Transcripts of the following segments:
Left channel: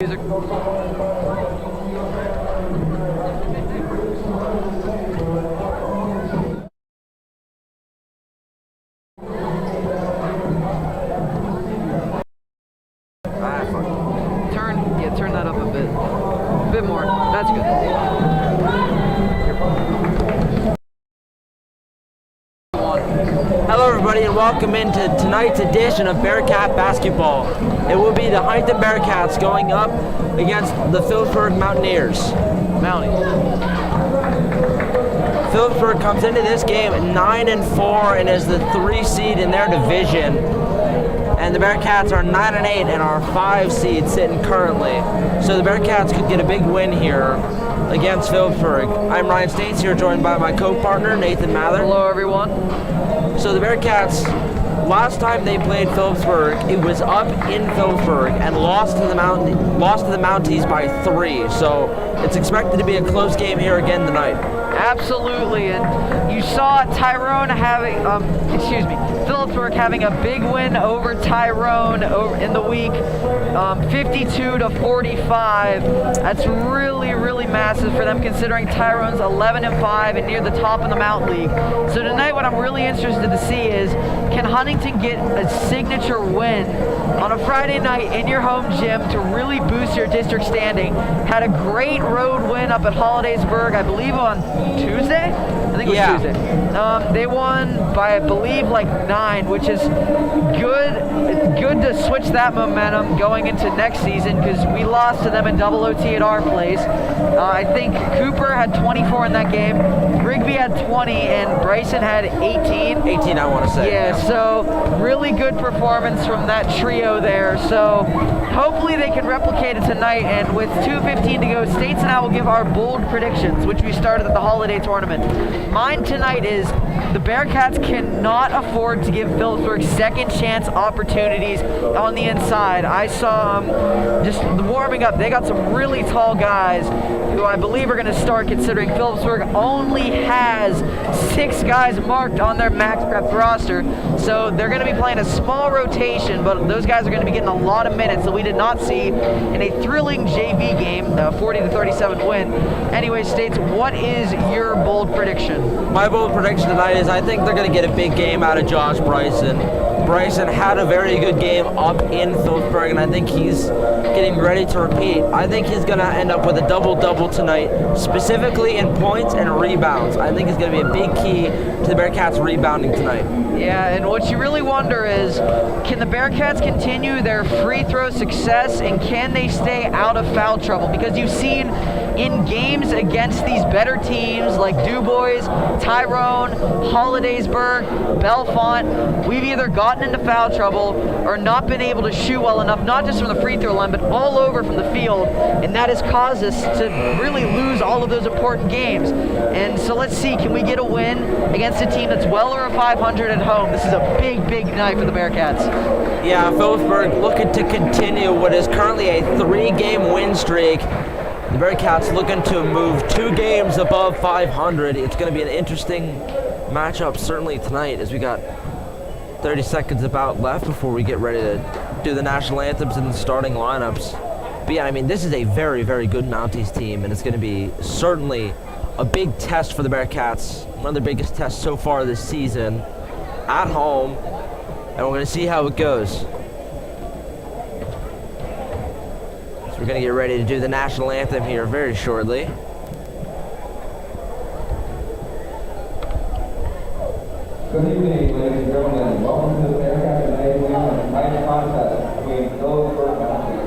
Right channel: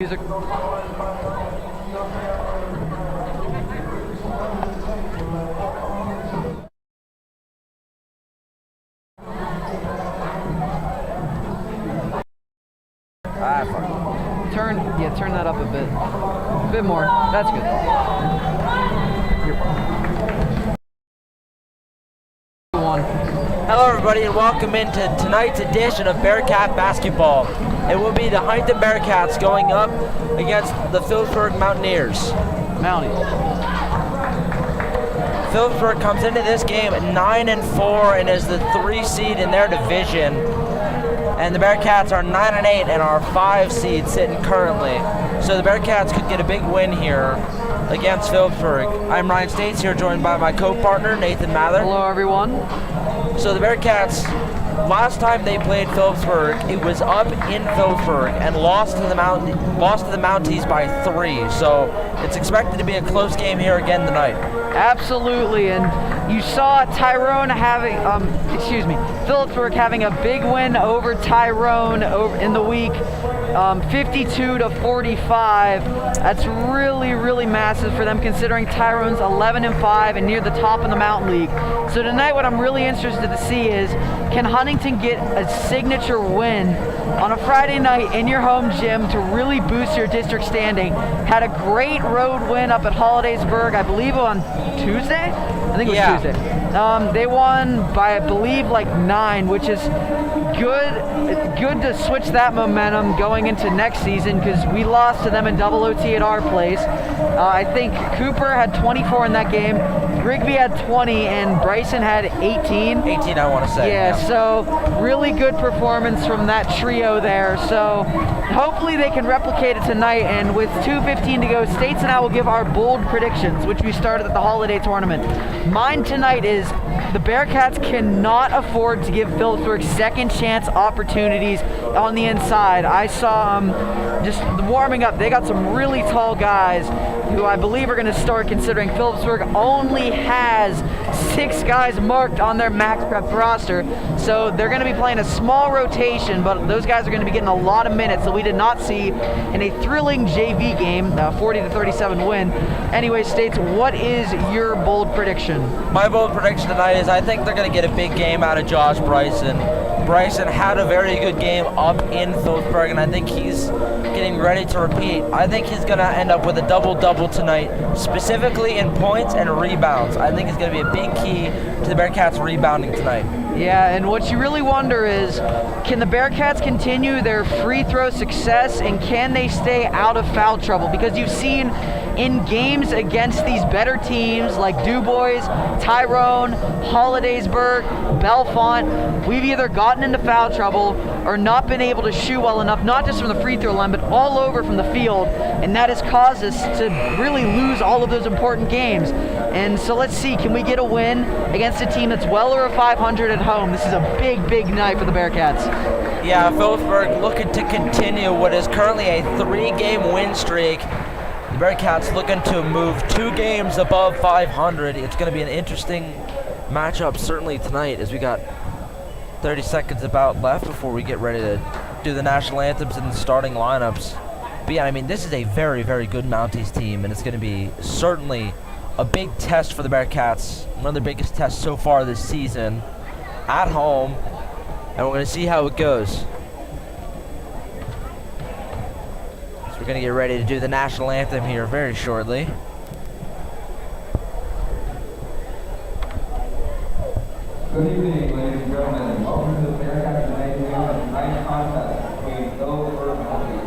Music. Turn that up a bit more. That's good. Hello everybody and welcome into tonight's edition of Bearcat Basketball. It will be the Huntingdon Bearcats going up against the Philipsburg Mountaineers. Philipsburg comes into this game at 9-4 and is the 3 seed in their division. And the Bearcats are 9-8 and are 5 seed sitting currently. So the Bearcats could get a big win here against Philipsburg. I'm Ryan States here, joined by my co-partner Nathan Mather. Hello everyone. So the Bearcats, last time they played Philipsburg, it was up in Philipsburg and lost to the Mounties by 3. So it's expected to be a close game here again tonight. Absolutely, and you saw Tyrone having, Philipsburg having a big win over Tyrone in the week, 52-45. That's really massive for them, considering Tyrone's 11-5 and near the top of the Mountain League. So tonight, what I'm really interested to see is, can Huntingdon get a signature win on a Friday night in your home gym to really boost your district standing? Had a great road win up at Hollidaysburg, I believe on Tuesday? I think it was Tuesday. They won by, I believe, like 9, which is good to switch that momentum going into next season, because we lost to them in double OT at our place. I think Cooper had 24 in that game, Rigby had 20, and Bryson had 18. 18, I want to say. Yeah, so really good performance from that trio there. So hopefully they can replicate it tonight, and with 2:15 to go, States and I will give our bold predictions, which we started at the holiday tournament. Mine tonight is the Bearcats cannot afford to give Philipsburg second chance opportunities on the inside. I saw just warming up, they got some really tall guys who I believe are going to start, considering Philipsburg only has 6 guys marked on their max prep roster. So they're going to be playing a small rotation, but those guys are going to be getting a lot of minutes that we did not see in a thrilling JV game, 40-37 win. Anyway, States, what is your bold prediction? My bold prediction tonight is I think they're going to get a big game out of Josh Bryson. Bryson had a very good game up in Philipsburg, and I think he's getting ready to repeat. I think he's going to end up with a double-double tonight, specifically in points and rebounds. I think it's going to be a big key to the Bearcats rebounding tonight. Yeah, and what you really wonder is, can the Bearcats continue their free throw success, and can they stay out of foul trouble? Because you've seen in games against these better teams like DuBois, Tyrone, Hollidaysburg, Bellefonte, we've either gotten into foul trouble or not been able to shoot well enough, not just from the free throw line, but all over from the field, and that has caused us to really lose all of those important games. And so let's see, can we get a win against a team that's well over 500 at home? This is a big, big night for the Bearcats. Yeah, Philipsburg looking to continue what is currently a 3-game win streak. The Bearcats looking to move 2 games above 500. It's going to be an interesting matchup certainly tonight, as we got 30 seconds about left before we get ready to do the national anthems and the starting lineups. But yeah, I mean, this is a very, very good Mounties team, and it's going to be certainly a big test for the Bearcats, one of their biggest tests so far this season, at home, and we're going to see how it goes. So we're going to get ready to do the national anthem here very shortly. Good evening, ladies and gentlemen. Welcome to the Bearcats today. We have a tonight's contest between Philipsburg Mounties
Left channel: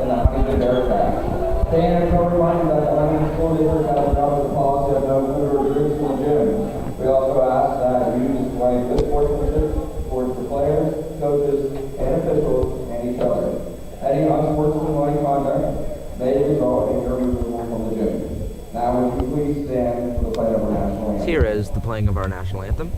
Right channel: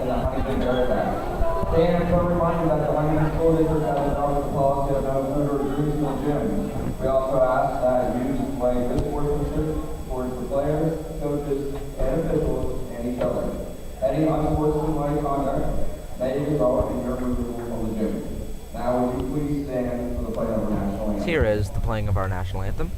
and the Huntingdon Bearcats. Staying in cover reminder that the Huntingdon School District has adopted the policy of no member traditional gym. We also ask that you display good sportsmanship towards the players, coaches, and officials, and each other. Any unsportsmanlike conduct may result in your removal from the gym. Now, would you please stand for the playing of our national anthem? Here is the playing of our national anthem.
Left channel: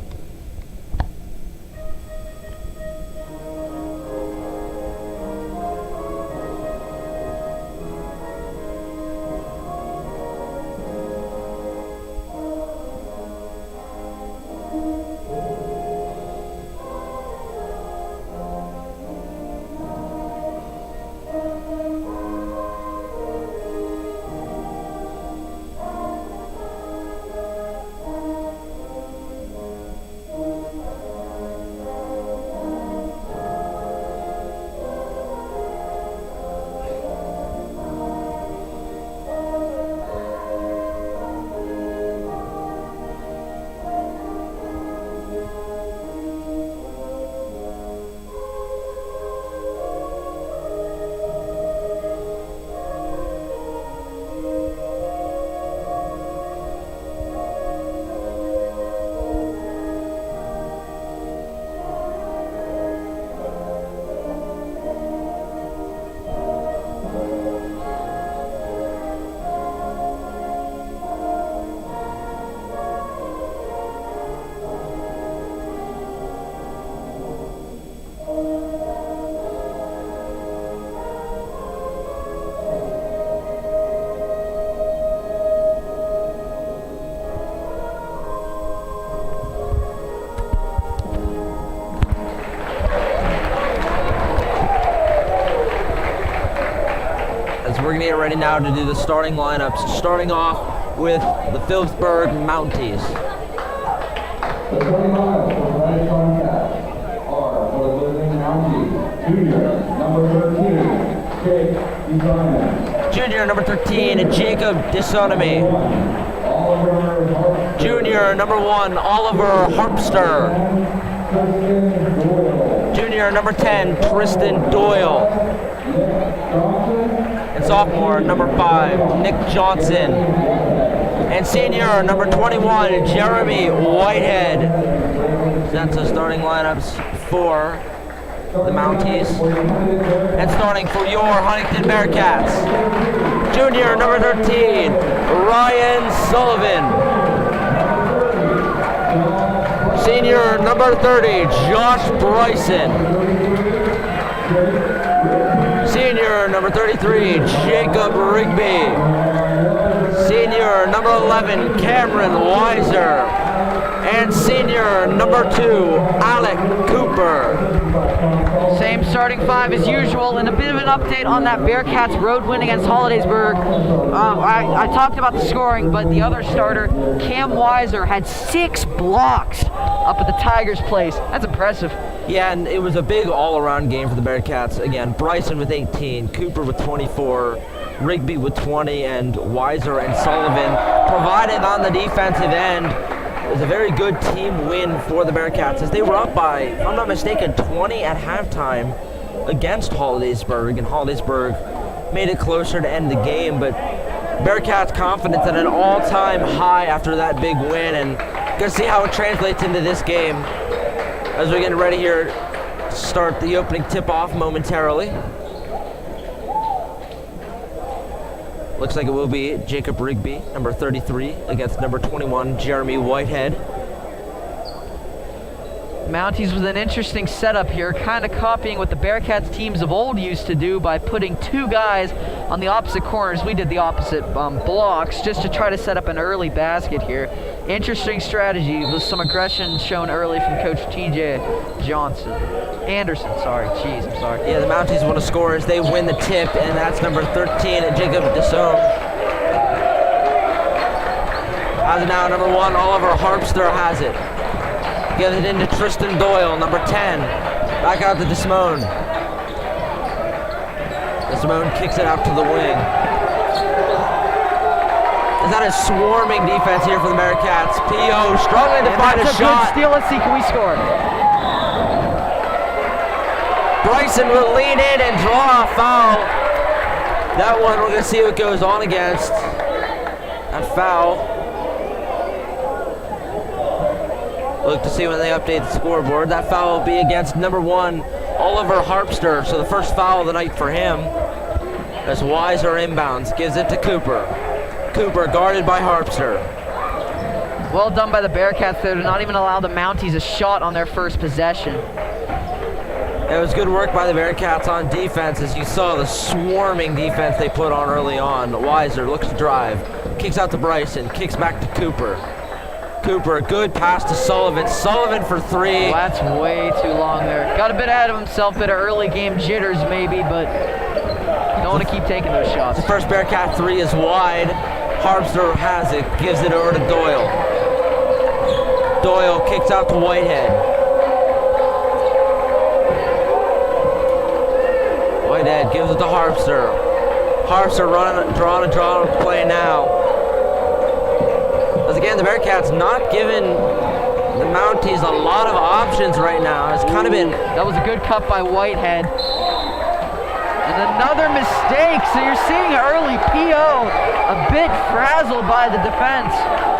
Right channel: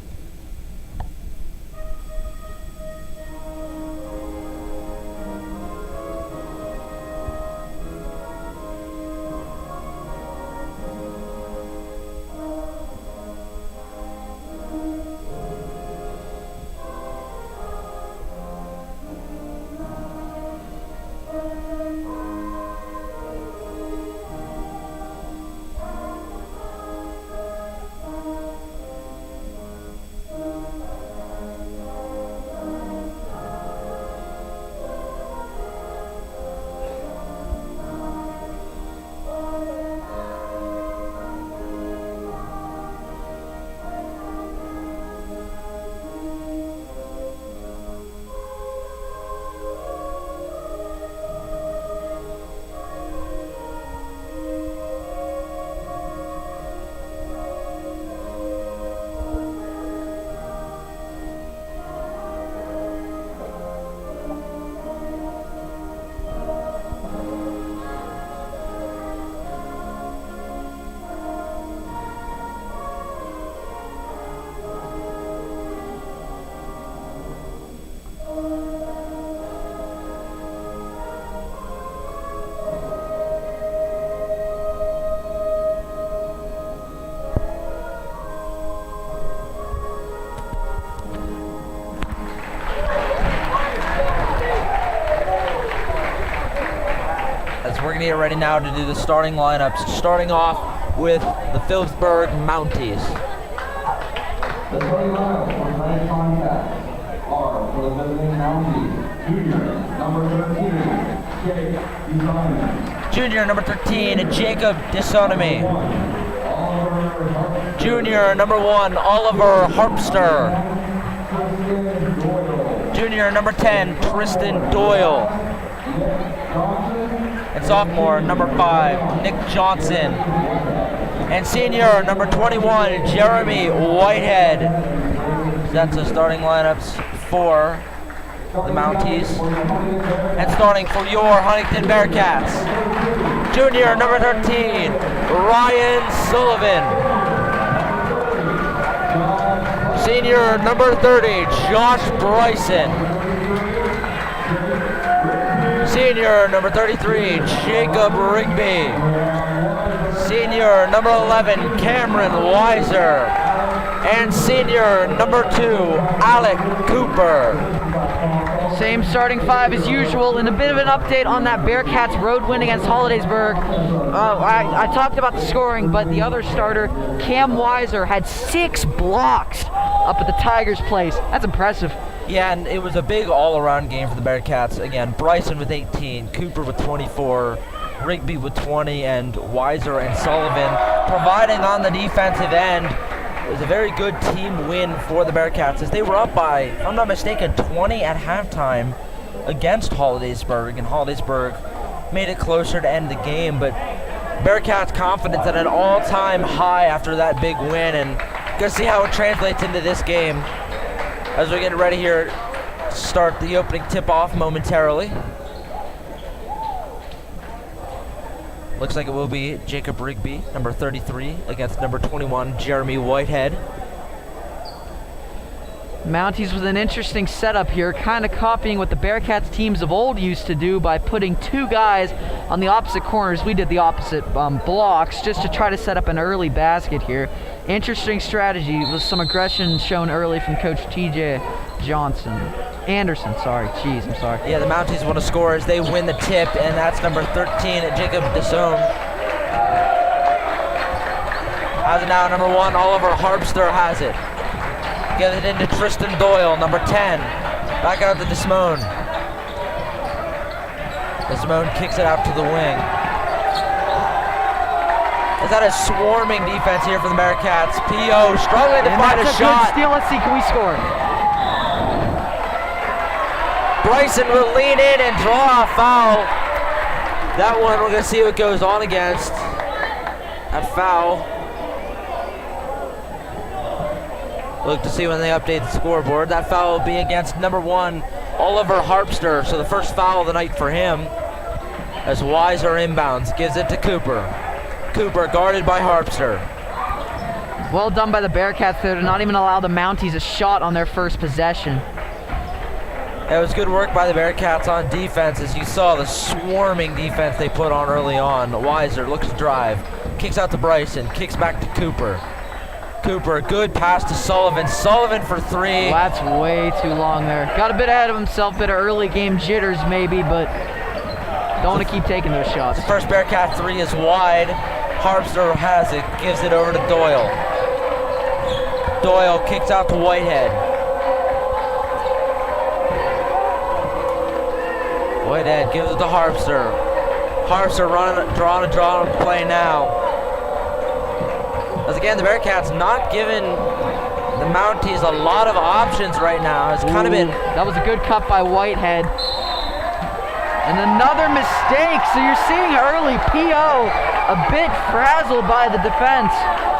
We're going to get ready now to do the starting lineups, starting off with the Philipsburg Mounties. The starting lineup for tonight's contest are for the visiting Mounties, junior, number 13, Jake Desonami. Junior, number 13, Jacob Desonami. Junior, number 1, Oliver Harpster. Junior, number 10, Tristan Doyle. And sophomore, number 5, Nick Johnson. And senior, number 21, Jeremy Whitehead. That's the starting lineups for the Mounties. And starting for your Huntingdon Bearcats, junior, number 13, Ryan Sullivan. Senior, number 30, Josh Bryson. Senior, number 33, Jacob Rigby. Senior, number 11, Cameron Weiser. And senior, number 2, Alec Cooper. Same starting 5 as usual, and a bit of an update on that Bearcats road win against Hollidaysburg. I talked about the scoring, but the other starter, Cam Weiser, had 6 blocks up at the Tigers' place. That's impressive. Yeah, and it was a big all-around game for the Bearcats. Again, Bryson with 18, Cooper with 24, Rigby with 20, and Weiser and Sullivan providing on the defensive end. It was a very good team win for the Bearcats, as they were up by, if I'm not mistaken, 20 at halftime against Hollidaysburg, and Hollidaysburg made it closer to end the game, but Bearcats' confidence at an all-time high after that big win, and gonna see how it translates into this game as we get ready here to start the opening tip-off momentarily. Looks like it will be Jacob Rigby, number 33, against number 21, Jeremy Whitehead. Mounties with an interesting setup here, kind of copying what the Bearcats teams of old used to do by putting two guys on the opposite corners. We did the opposite blocks just to try to set up an early basket here. Interesting strategy with some aggression shown early from Coach TJ Anderson, sorry. Jeez, I'm sorry. Yeah, the Mounties want to score as they win the tip, and that's number 13, Jacob Desome. Has it now, number 1, Oliver Harpster has it. Gets it into Tristan Doyle, number 10. Back out to Desmone. Desmone kicks it out to the wing. Is that a swarming defense here for the Bearcats? P.O. struggling to find a shot. Good steal. Let's see, can we score? Bryson will lean in and draw a foul. That one, we're going to see what goes on against. That foul. Look to see when they update the scoreboard. That foul will be against number 1, Oliver Harpster. So the first foul of the night for him. As Weiser inbounds, gives it to Cooper. Cooper guarded by Harpster. Well done by the Bearcats there to not even allow the Mounties a shot on their first possession. It was good work by the Bearcats on defense, as you saw the swarming defense they put on early on. Weiser looks to drive, kicks out to Bryson, kicks back to Cooper. Cooper, good pass to Sullivan. Sullivan for 3. Well, that's way too long there. Got a bit ahead of himself, bit of early game jitters maybe, but don't want to keep taking those shots. The first Bearcat 3 is wide. Harpster has it, gives it over to Doyle. Doyle kicks out to Whitehead. Whitehead gives it to Harpster. Harpster drawing a play now. As again, the Bearcats not giving the Mounties a lot of options right now. It's kind of been... That was a good cut by Whitehead. And another mistake, so you're seeing early P.O. a bit frazzled by the defense.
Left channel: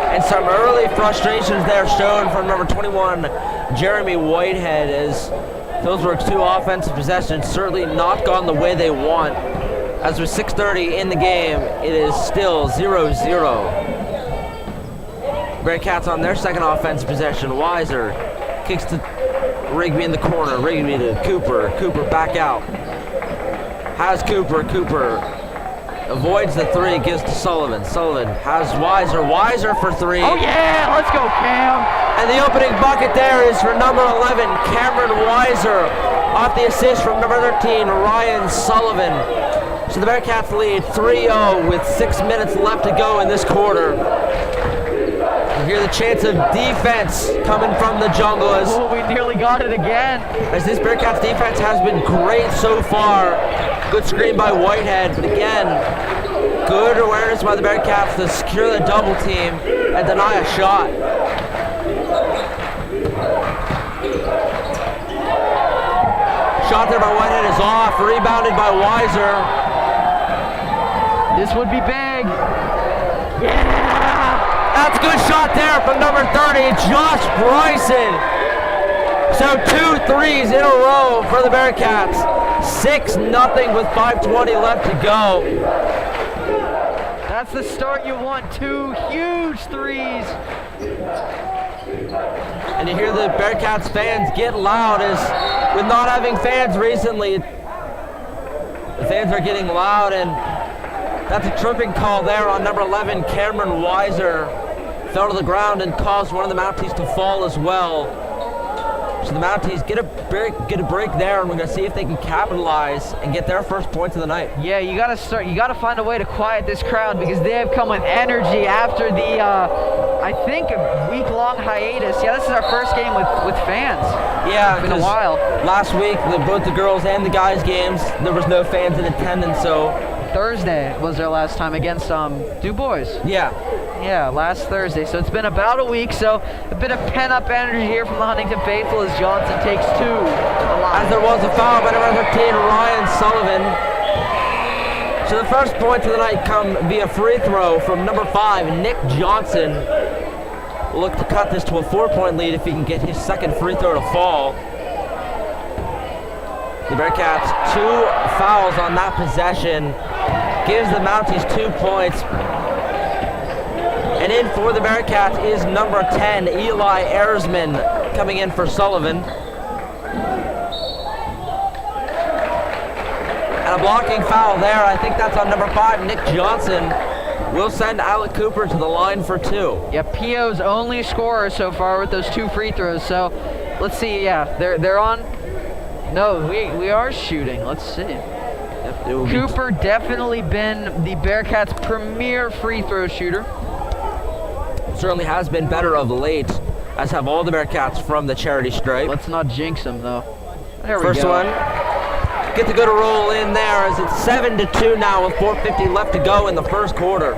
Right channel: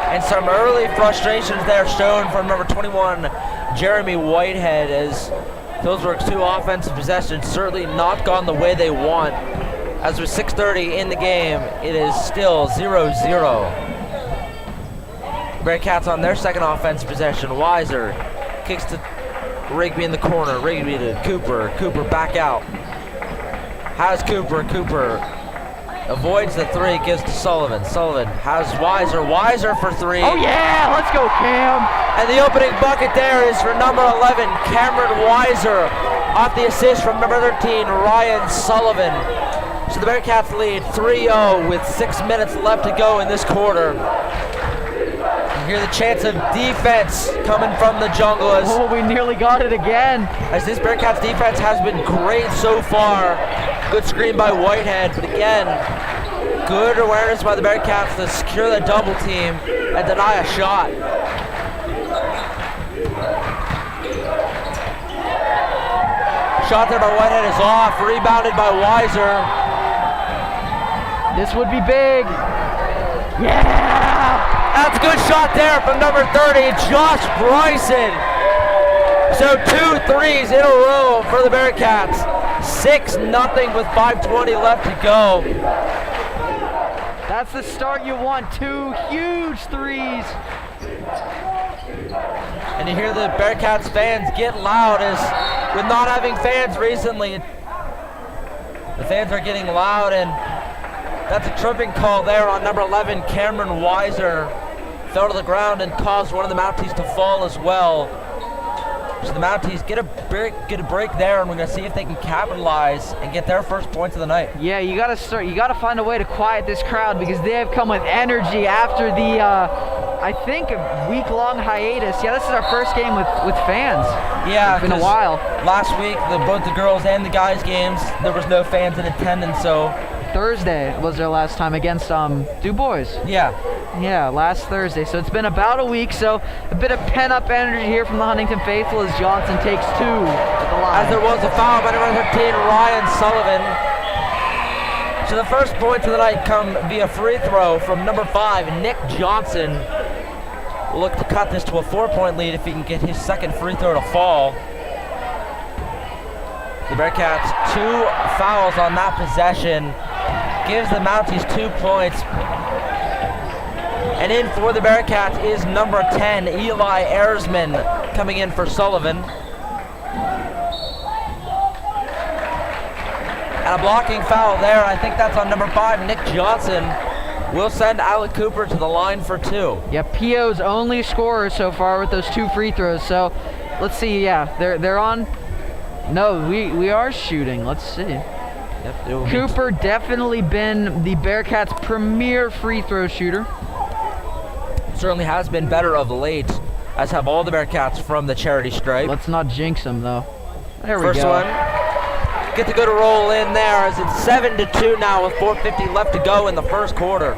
And some early frustrations there shown from number 21, Jeremy Whitehead, as Philipsburg's 2 offensive possessions certainly not gone the way they want. As with 6:30 in the game, it is still 0-0. Bearcats on their second offensive possession. Weiser kicks to Rigby in the corner. Rigby to Cooper. Cooper back out. Has Cooper. Cooper avoids the 3, gives to Sullivan. Sullivan has Weiser. Weiser for 3. Oh yeah, let's go Cam. And the opening bucket there is for number 11, Cameron Weiser, off the assist from number 13, Ryan Sullivan. So the Bearcats lead 3-0 with 6 minutes left to go in this quarter. Hear the chance of defense coming from the jungle as... Oh, we nearly got it again. As this Bearcats defense has been great so far. Good screen by Whitehead, but again, good awareness by the Bearcats to secure the double team and deny a shot. Shot there by Whitehead is off, rebounded by Weiser. This would be big. Yeah! That's a good shot there from number 30, Josh Bryson. So 2 threes in a row for the Bearcats. 6-0 with 5:20 left to go. That's the start you want. 2 huge threes. And you hear the Bearcats fans get loud, as with not having fans recently, the fans are getting loud, and that's a tripping call there on number 11, Cameron Weiser. Fell to the ground and caused one of the Mounties to fall as well. So the Mounties get a break there, and we're going to see if they can capitalize and get their first points of the night. Yeah, you got to find a way to quiet this crowd, because they have come with energy after the I think a week-long hiatus. Yeah, this is our first game with fans. Yeah, it's been a while. Last week, both the girls and the guys games, there was no fans in attendance, so Thursday was their last time against Du Bois. Yeah, last Thursday. So it's been about a week, so a bit of pent-up energy here from the Huntingdon faithful as Johnson takes 2 at the line. As there was a foul by number 13, Ryan Sullivan. So the first points of the night come via free throw from number 5, Nick Johnson. Will look to cut this to a 4-point lead if he can get his second free throw to fall. The Bearcats 2 fouls on that possession. Gives the Mounties 2 points. And in for the Bearcats is number 10, Eli Ersman, coming in for Sullivan. And a blocking foul there. I think that's on number 5, Nick Johnson. Will send Alec Cooper to the line for 2. Yeah, P.O.'s only scorer so far with those 2 free throws. So let's see. Yeah, they're on. No, we are shooting. Let's see. Yep, Cooper definitely been the Bearcats' premier free throw shooter. Certainly has been better of late, as have all the Bearcats from the charity stripe. Let's not jinx him though. There we First go. one. Get the good roll in there as it's 7-2 now with 4:50 left to go in the first quarter.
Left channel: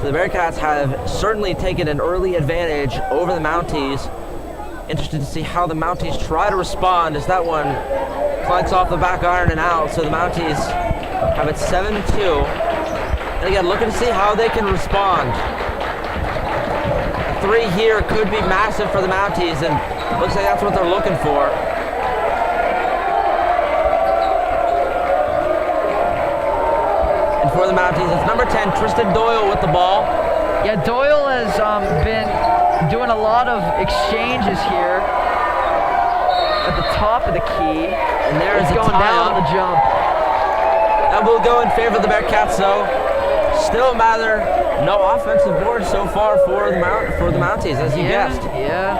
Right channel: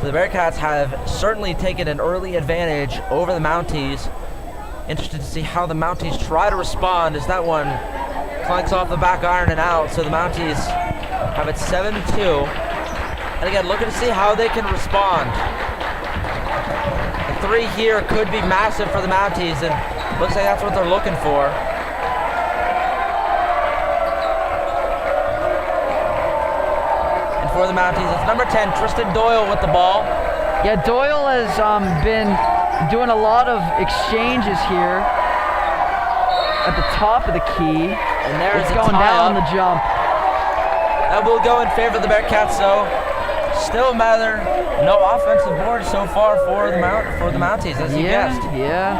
So the Bearcats have certainly taken an early advantage over the Mounties. Interested to see how the Mounties try to respond as that one clanks off the back iron and out. So the Mounties have it 7-2. And again, looking to see how they can respond. A 3 here could be massive for the Mounties, and looks like that's what they're looking for. And for the Mounties, it's number 10, Tristan Doyle with the ball. Yeah, Doyle has been doing a lot of exchanges here at the top of the key. And there is He's a going down on tie-up. the jump. That will go in favor of the Bearcats, though. Still matter, no offensive board so far for the Mounties, as you guessed. Yeah.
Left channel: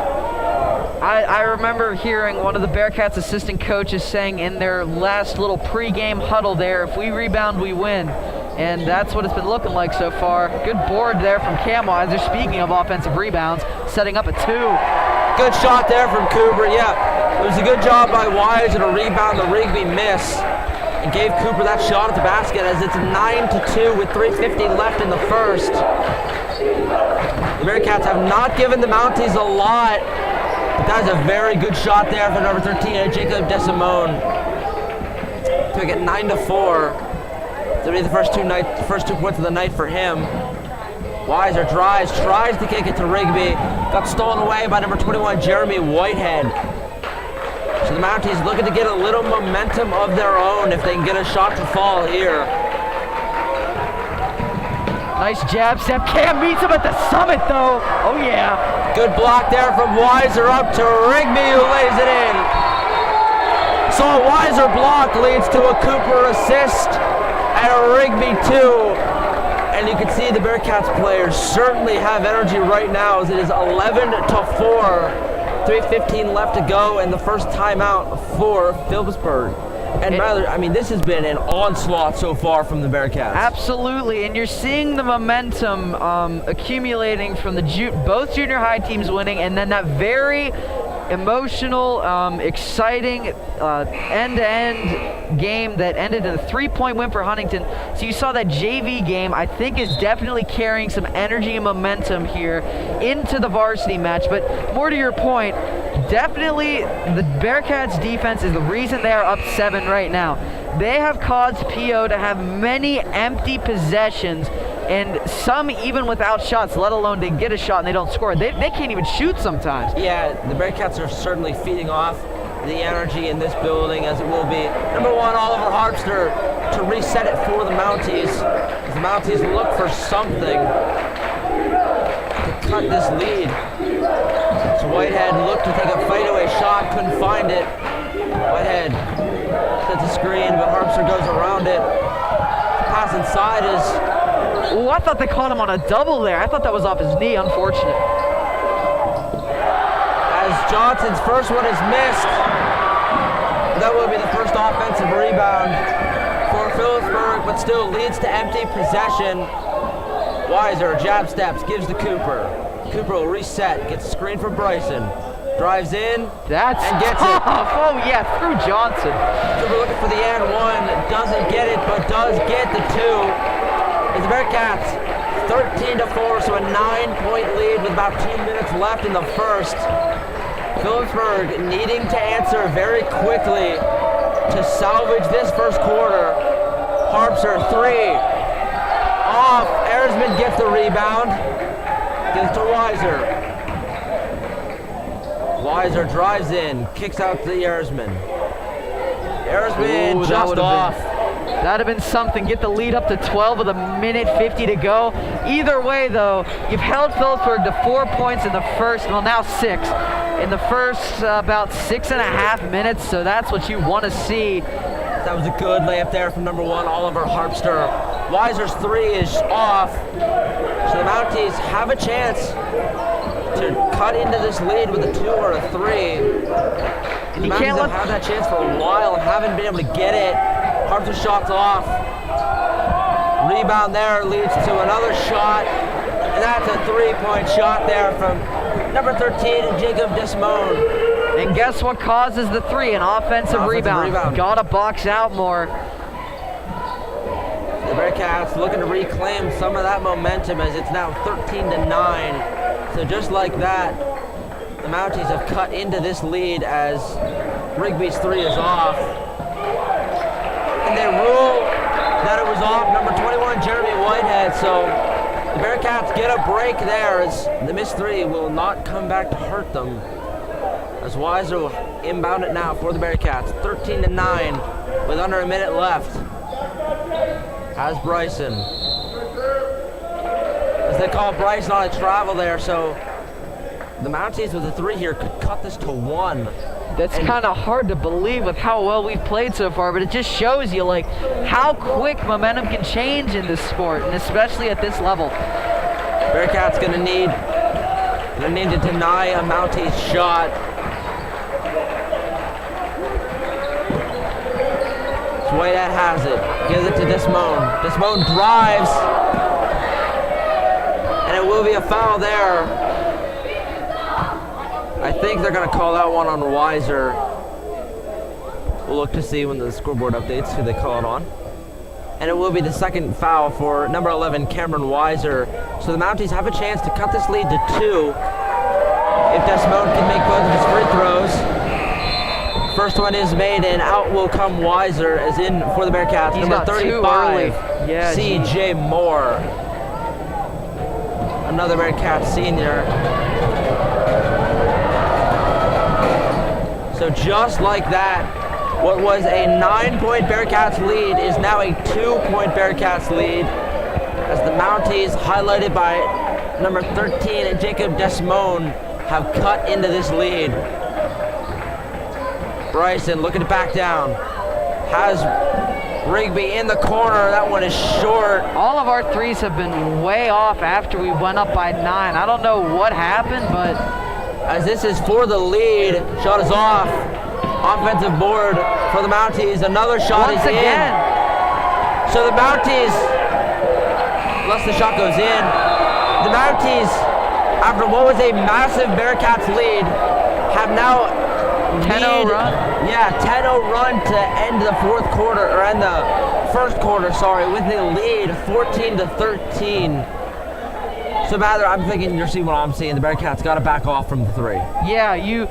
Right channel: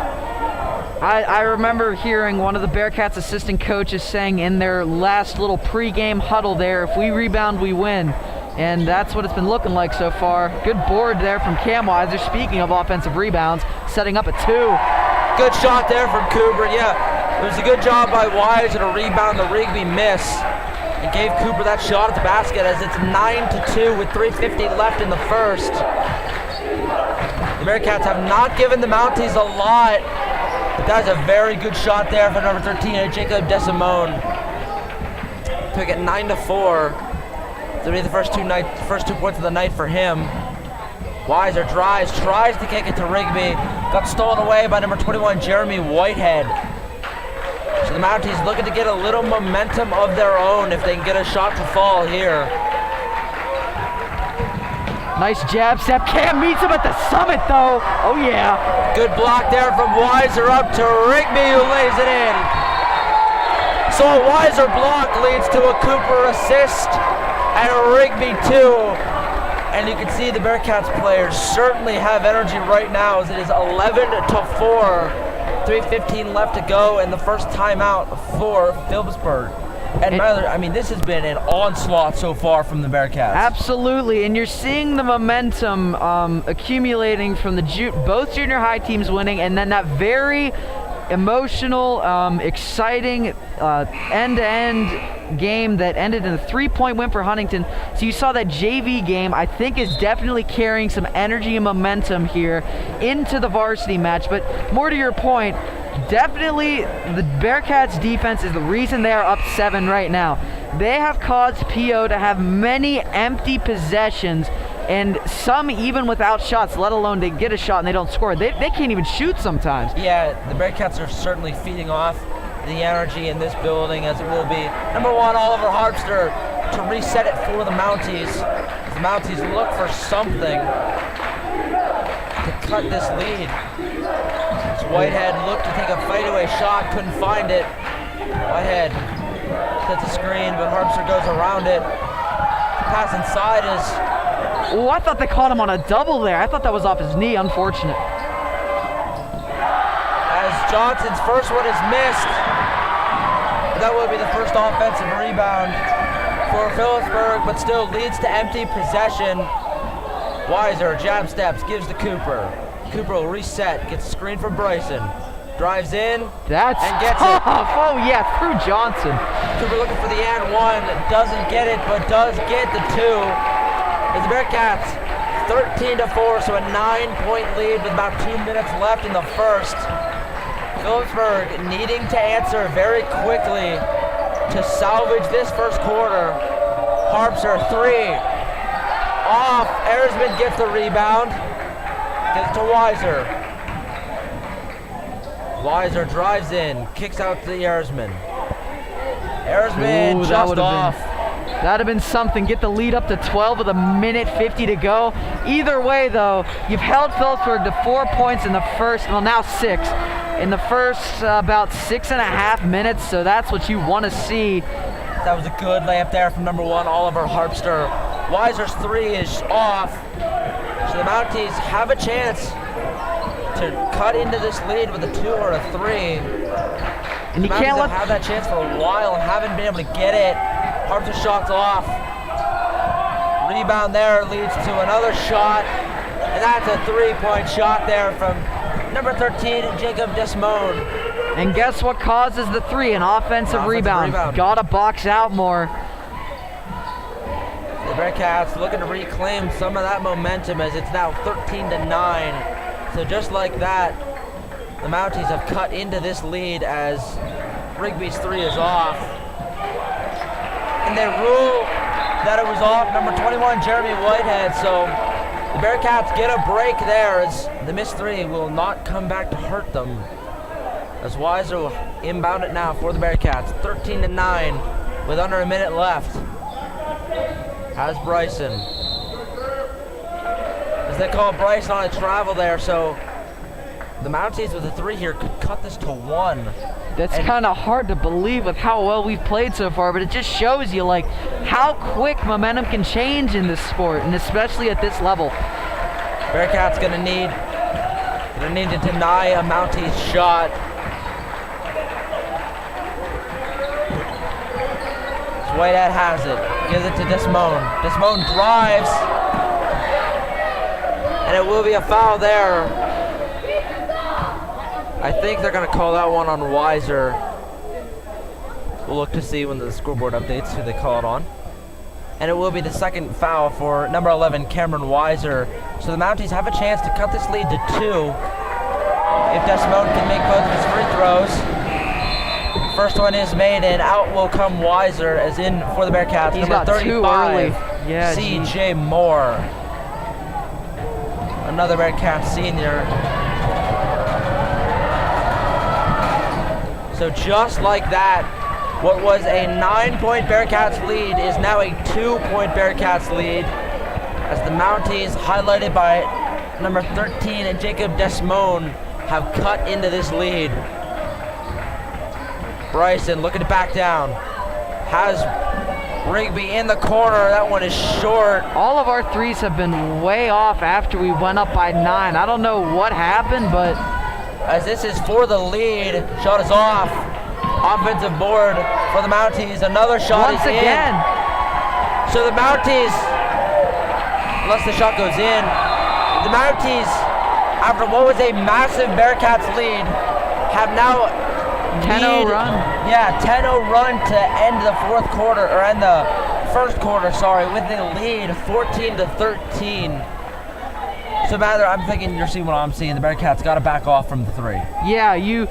I remember hearing one of the Bearcats assistant coaches saying in their last little pregame huddle there, if we rebound, we win. And that's what it's been looking like so far. Good board there from Camweiser. Speaking of offensive rebounds, setting up a 2. Good shot there from Cooper, yeah. It was a good job by Wise and a rebound, the Rigby miss. And gave Cooper that shot at the basket as it's 9-2 with 3:50 left in the first. The Bearcats have not given the Mounties a lot, but that was a very good shot there from number 13, Jacob DeSimone. To make it 9-4. To be the first two points of the night for him. Weiser drives, tries to kick it to Rigby. Got stolen away by number 21, Jeremy Whitehead. So the Mounties looking to get a little momentum of their own if they can get a shot to fall here. Nice jab step. Cam meets him at the summit though. Oh yeah. Good block there from Weiser up to Rigby, who lays it in. So a Weiser block leads to a Cooper assist and a Rigby 2. And you can see the Bearcats players certainly have energy right now as it is 11-4. 3:15 left to go and the first timeout for Philipsburg. And Myler, I mean, this has been an onslaught so far from the Bearcats. Absolutely, and you're seeing the momentum accumulating from both junior high teams winning, and then that very emotional, exciting end-to-end game that ended in a 3-point win for Huntingdon. So you saw that JV game, I think, is definitely carrying some energy and momentum here into the varsity match. But more to your point, definitely the Bearcats defense is the reason they are up 7 right now. They have caused PO to have many empty possessions, and some even without shots, let alone they get a shot and they don't score. They can't even shoot sometimes. Yeah, the Bearcats are certainly feeding off the energy in this building, as it will be number 1, Oliver Harpster, to reset it for the Mounties. As the Mounties look for something to cut this lead. So Whitehead looked to take a fadeaway shot, couldn't find it. Whitehead sets a screen, but Harpster goes around it. Pass inside is... Oh, I thought they caught him on a double there. I thought that was off his knee, unfortunate. As Johnson's first one is missed. That will be the first offensive rebound for Philipsburg, but still leads to empty possession. Weiser, jab steps, gives to Cooper. Cooper will reset, gets a screen from Bryson. Drives in, and gets tough. it. Oh yeah, through Johnson. Cooper looking for the and 1, doesn't get it, but does get the 2. As the Bearcats 13-4, so a 9-point lead with about 2 minutes left in the first. Philipsburg needing to answer very quickly to salvage this first quarter. Harpster, 3. Off. Erzman gets the rebound. Gives to Weiser. Weiser drives in. Kicks out to Erzman. Erzman just off. That'd have been something. Get the lead up to 12 with a minute 50 to go. Either way, though, you've held Philipsburg to 4 points in the first, well, now 6. In the first about 6.5 minutes, so that's what you want to see. That was a good layup there from number 1, Oliver Harpster. Weiser's 3 is off, so the Mounties have a chance to cut into this lead with a 2 or a 3. And the Mounties have had that chance for a while and haven't been able to get it. Harpster shot's off. Rebound there leads to another shot, and that's a 3-point shot there from number 13, Jacob Desmond. And guess what causes the 3? An offensive rebound. Gotta box out more. The Bearcats looking to reclaim some of that momentum as it's now 13-9. So just like that, the Mounties have cut into this lead as Rigby's 3 is off. And they rule that it was off number 21, Jeremy Whitehead. So the Bearcats get a break there as the missed 3 will not come back to hurt them. As Weiser will inbound it now for the Bearcats. 13-9 with under a minute left. Has Bryson. As they call Bryson on a travel there, so the Mounties with a 3 here could cut this to 1. That's kind of hard to believe with how well we've played so far, but it just shows you like how quick momentum can change in this sport, and especially at this level. Bearcats gonna need to deny a Mounties shot. So Whitehead has it, gives it to Desmond. Desmond drives, and it will be a foul there. I think they're going to call that one on Weiser. We'll look to see when the scoreboard updates who they call it on. And it will be the second foul for number 11, Cameron Weiser. So the Mounties have a chance to cut this lead to 2 if Desmond can make both of his free throws. First one is made, and out will come Weiser as in for the Bearcats. He's number got 35, yeah, C.J. Moore. Another Bearcats senior. So just like that, what was a 9-point Bearcats lead is now a 2-point Bearcats lead as the Mounties, highlighted by number 13 and Jacob Desmond, have cut into this lead. Bryson looking to back down. Has Rigby in the corner. That one is short. All of our 3s have been way off after we went up by 9. I don't know what happened, but as this is for the lead, shot is off. Offensive board for the Mounties. Another shot is in. So the Mounties, unless the shot goes in, the Mounties, after what was a massive Bearcats lead, have now 10-0 run. Yeah, 10-0 run to end the fourth quarter, or end the first quarter, sorry, with a lead 14-13. So Mather, I'm thinking you're seeing what I'm seeing. The Bearcats got to back off from the 3. Yeah, you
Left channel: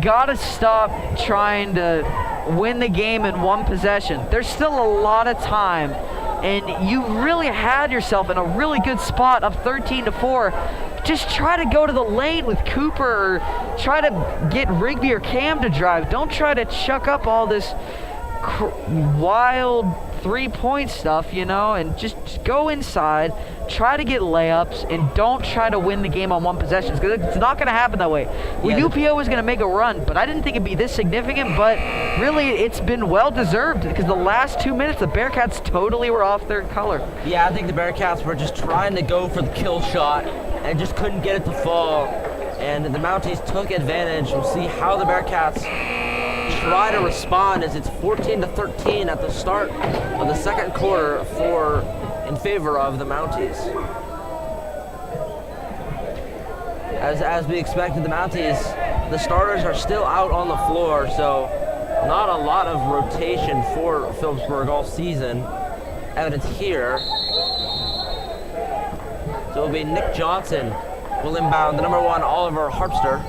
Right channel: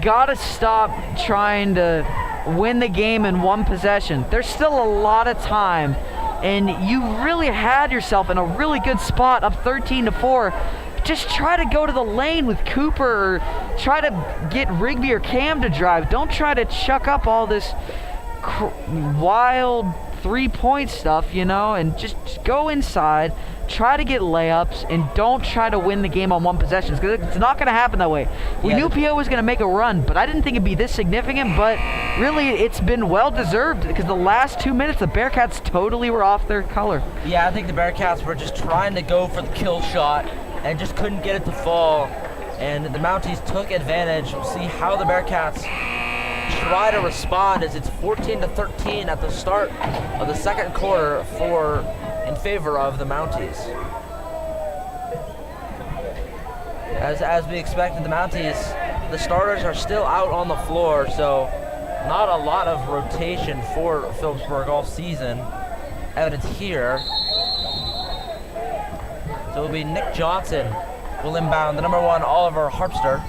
got to stop trying to win the game in one possession. There's still a lot of time, and you really had yourself in a really good spot up 13-4. Just try to go to the lane with Cooper, or try to get Rigby or Cam to drive. Don't try to chuck up all this wild 3-point stuff, you know, and just go inside, try to get layups, and don't try to win the game on one possession, because it's not going to happen that way. We knew PO was going to make a run, but I didn't think it'd be this significant, but really it's been well-deserved, because the last 2 minutes, the Bearcats totally were off their color. Yeah, I think the Bearcats were just trying to go for the kill shot and just couldn't get it to fall, and the Mounties took advantage. We'll see how the Bearcats try to respond as it's 14-13 at the start of the second quarter in favor of the Mounties. As we expected, the Mounties, the starters are still out on the floor, so not a lot of rotation for Philipsburg all season. Evidence here. So it'll be Nick Johnson will inbound the number 1, Oliver Harpster.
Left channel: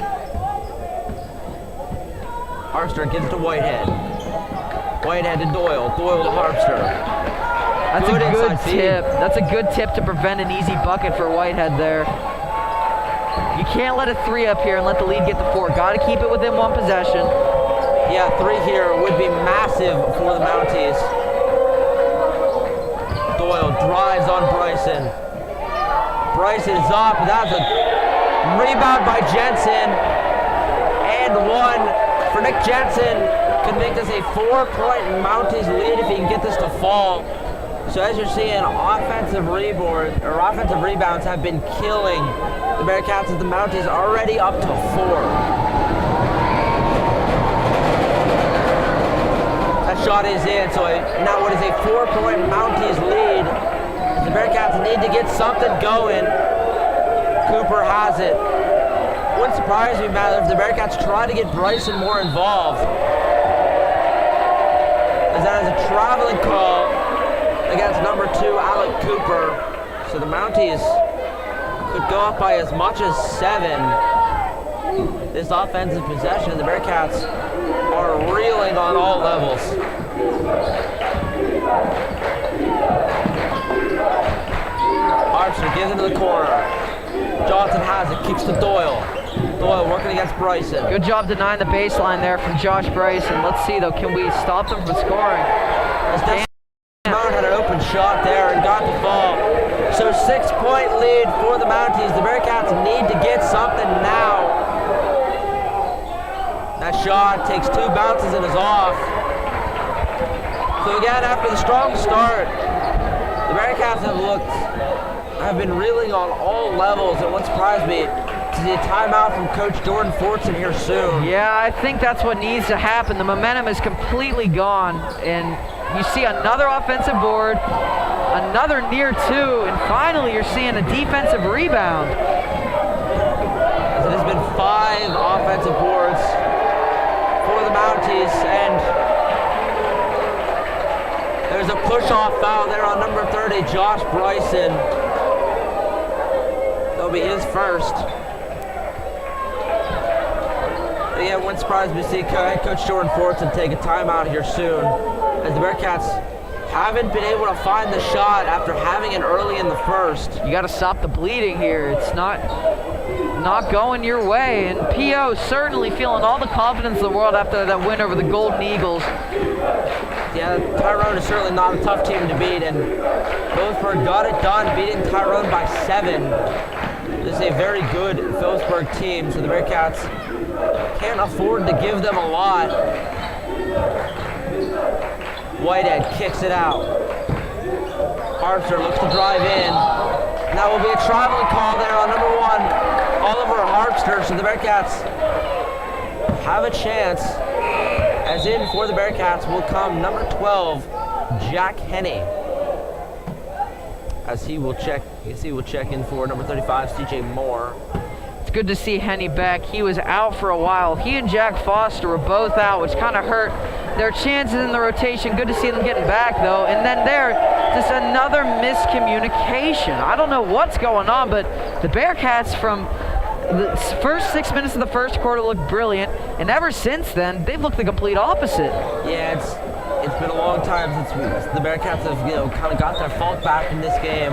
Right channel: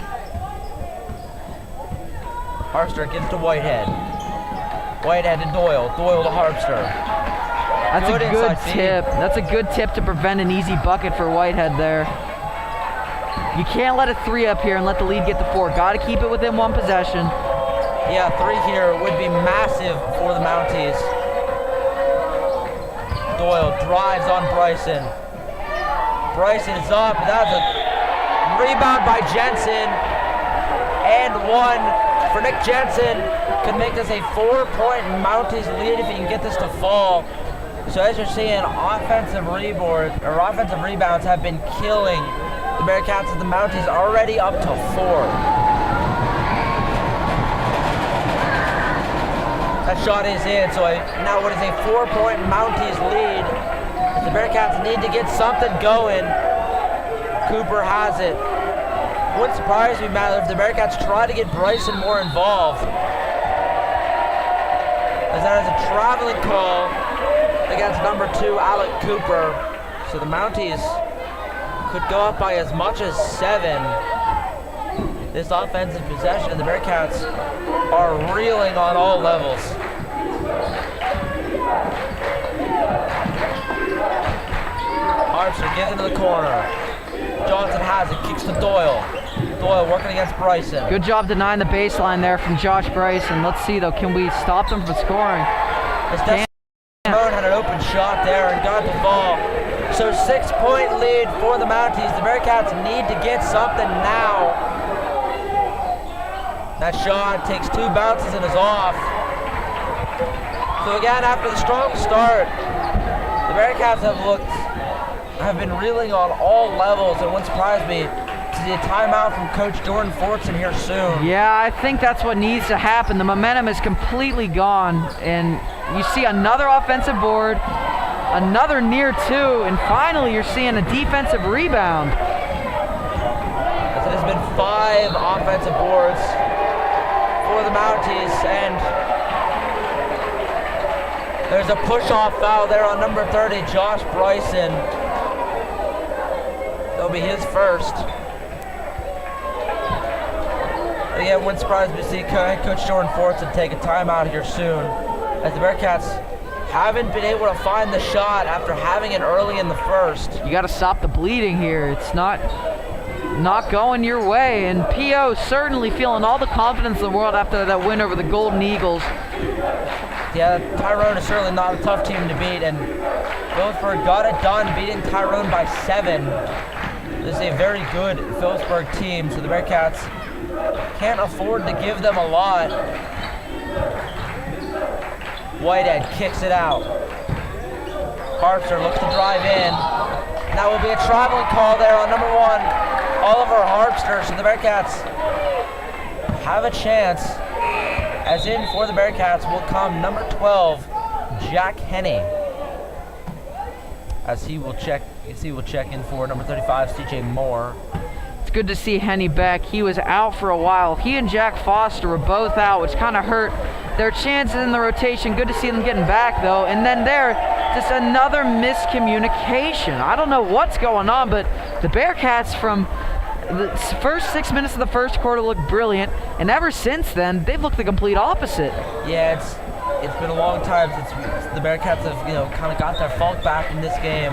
Harpster gives to Whitehead. Whitehead to Doyle. Doyle to Harpster. That's Good a good inside feed. tip. That's a good tip to prevent an easy bucket for Whitehead there. You can't let a 3 up here and let the lead get to 4. Got to keep it within 1 possession. Yeah, 3 here would be massive for the Mounties. Doyle drives on Bryson. Bryson is up. That was a rebound by Jensen. And 1 for Nick Jensen. Could make this a 4-point Mounties lead if he can get this to fall. So as you're seeing, offensive rebounds have been killing the Bearcats as the Mounties already up to 4. That shot is in, so now what is a 4-point Mounties lead. As the Bearcats need to get something going. Cooper has it. Wouldn't surprise me, Matt, if the Bearcats try to get Bryson more involved. As that is a traveling call against number 2, Alec Cooper. So the Mounties could go up by as much as 7. This offensive possession, the Bearcats are reeling on all levels. Harpster gives it to the corner. Johnson has it, kicks to Doyle. Doyle working against Bryson. Good job denying the baseline there from Josh Bryson. Let's see though, can we stop them from scoring? As Desmond had an open shot there and got the ball. So 6-point lead for the Mounties. The Bearcats need to get something now. That shot takes 2 bounces and is off. So again, after the strong start, the Bearcats have been reeling on all levels, and it wouldn't surprise me to see a timeout from Coach Jordan Fortson here soon. Yeah, I think that's what needs to happen. The momentum is completely gone, and you see another offensive board, another near 2, and finally you're seeing a defensive rebound. As it has been 5 offensive boards for the Mounties, and there's a push-off foul there on number 30, Josh Bryson. That'll be his first. Again, wouldn't surprise me to see head coach Jordan Fortson take a timeout here soon, as the Bearcats haven't been able to find the shot after having it early in the first. You got to stop the bleeding here. It's not going your way, and P.O. certainly feeling all the confidence in the world after that win over the Golden Eagles. Yeah, Tyrone is certainly not a tough team to beat, and Philipsburg got it done, beating Tyrone by 7. This is a very good Philipsburg team, so the Bearcats can't afford to give them a lot. Whitehead kicks it out. Harpster looks to drive in. Now will be a traveling call there on number 1, Oliver Harpster, so the Bearcats have a chance. As in for the Bearcats will come number 12, Jack Henney. As he will check in for number 35, CJ Moore. It's good to see Henney back. He was out for a while. He and Jack Foster were both out, which kind of hurt their chances in the rotation. Good to see them getting back though. And then there, just another miscommunication. I don't know what's going on, but the Bearcats from the first 6 minutes of the first quarter looked brilliant, and ever since then, they've looked the complete opposite. Yeah, it's been a long time since the Bearcats have, kind of got their fault back in this game.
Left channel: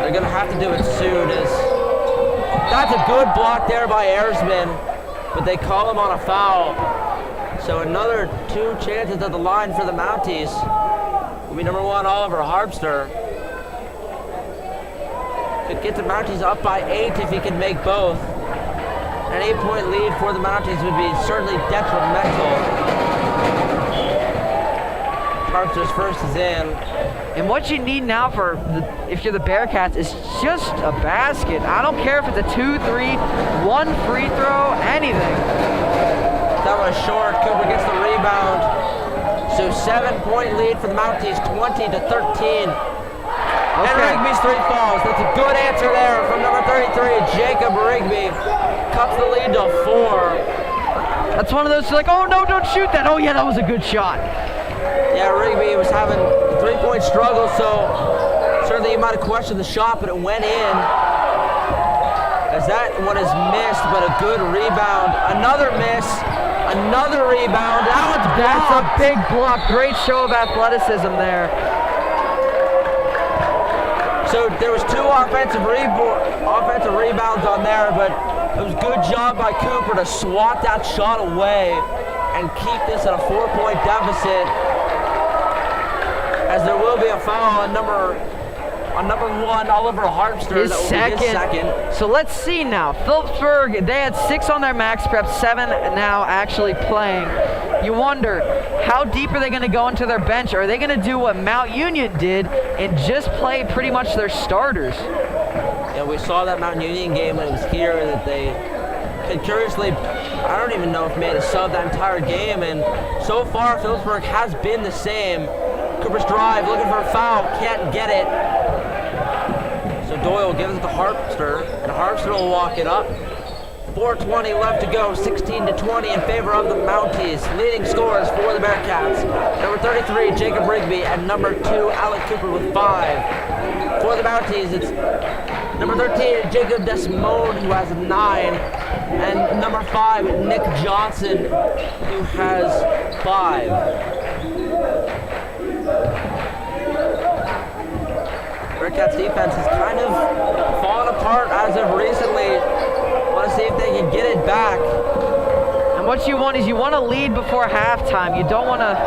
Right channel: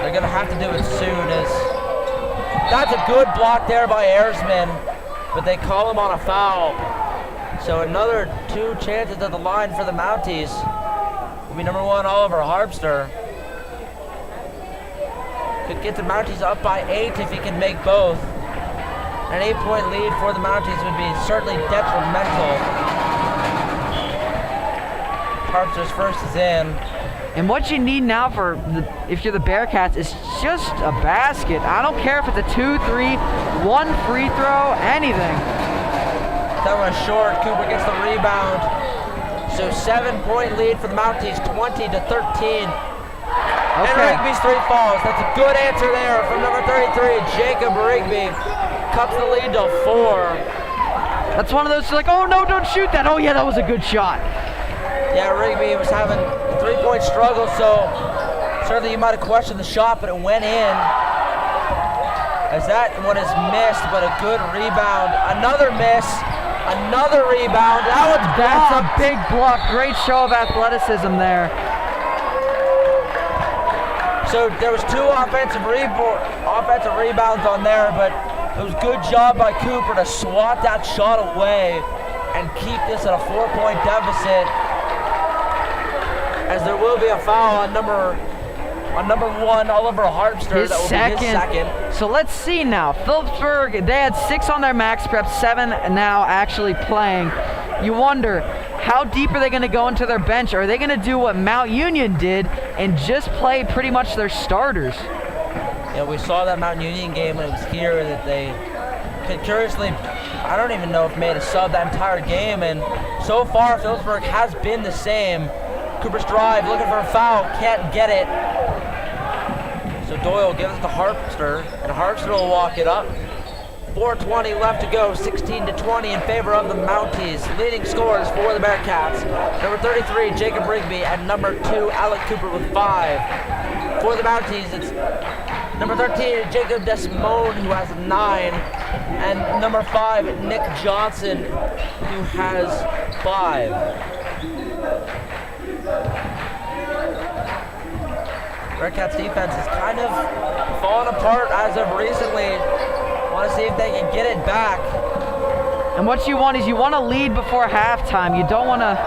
They're gonna have to do it soon. That's a good block there by Ayersman, but they call him on a foul. So another 2 chances at the line for the Mounties. Will be number 1, Oliver Harpster. Could get the Mounties up by 8 if he can make both. An 8-point lead for the Mounties would be certainly detrimental. Harpster's first is in. And what you need now if you're the Bearcats is just a basket. I don't care if it's a 2-3, 1 free throw, anything. That was short. Cooper gets the rebound. So 7-point lead for the Mounties, 20-13. Okay. And Rigby's 3 falls. That's a good answer there from number 33, Jacob Rigby. Cuts the lead to 4. That's one of those like, oh no, don't shoot that. Oh yeah, that was a good shot. Yeah, Rigby was having 3-point struggle, so certainly you might have questioned the shot, but it went in. As that one is missed, but a good rebound. Another miss, another rebound. That one's blocked. That's a big block. Great show of athleticism there. So there was 2 offensive rebounds on there, but it was a good job by Cooper to swat that shot away and keep this at a 4-point deficit, as there will be a foul on number 1, Oliver Harpster. That will be his second. So let's see now. Philipsburg, they had 6 on their max prep, 7 now actually playing. You wonder, how deep are they going to go into their bench? Are they going to do what Mount Union did and just play pretty much their starters? Yeah, we saw that Mount Union game when it was here that they could curiously, I don't even know if made a sub that entire game, and so far Philipsburg has been the same. Cooper's drive, looking for a foul, can't get it. So Doyle gives it to Harpster, and Harpster will walk it up. 4:20 left to go, 16-20 in favor of the Mounties. Leading scorers for the Bearcats. Number 33, Jacob Rigby, and number 2, Alec Cooper with 5. For the Mounties, it's number 13, Jacob Desmond, who has 9. And number 5, Nick Johnson, who has 5. Bearcats defense has kind of fallen apart as of recently. Want to see if they can get it back. And what you want is you want to lead before halftime. You don't want to...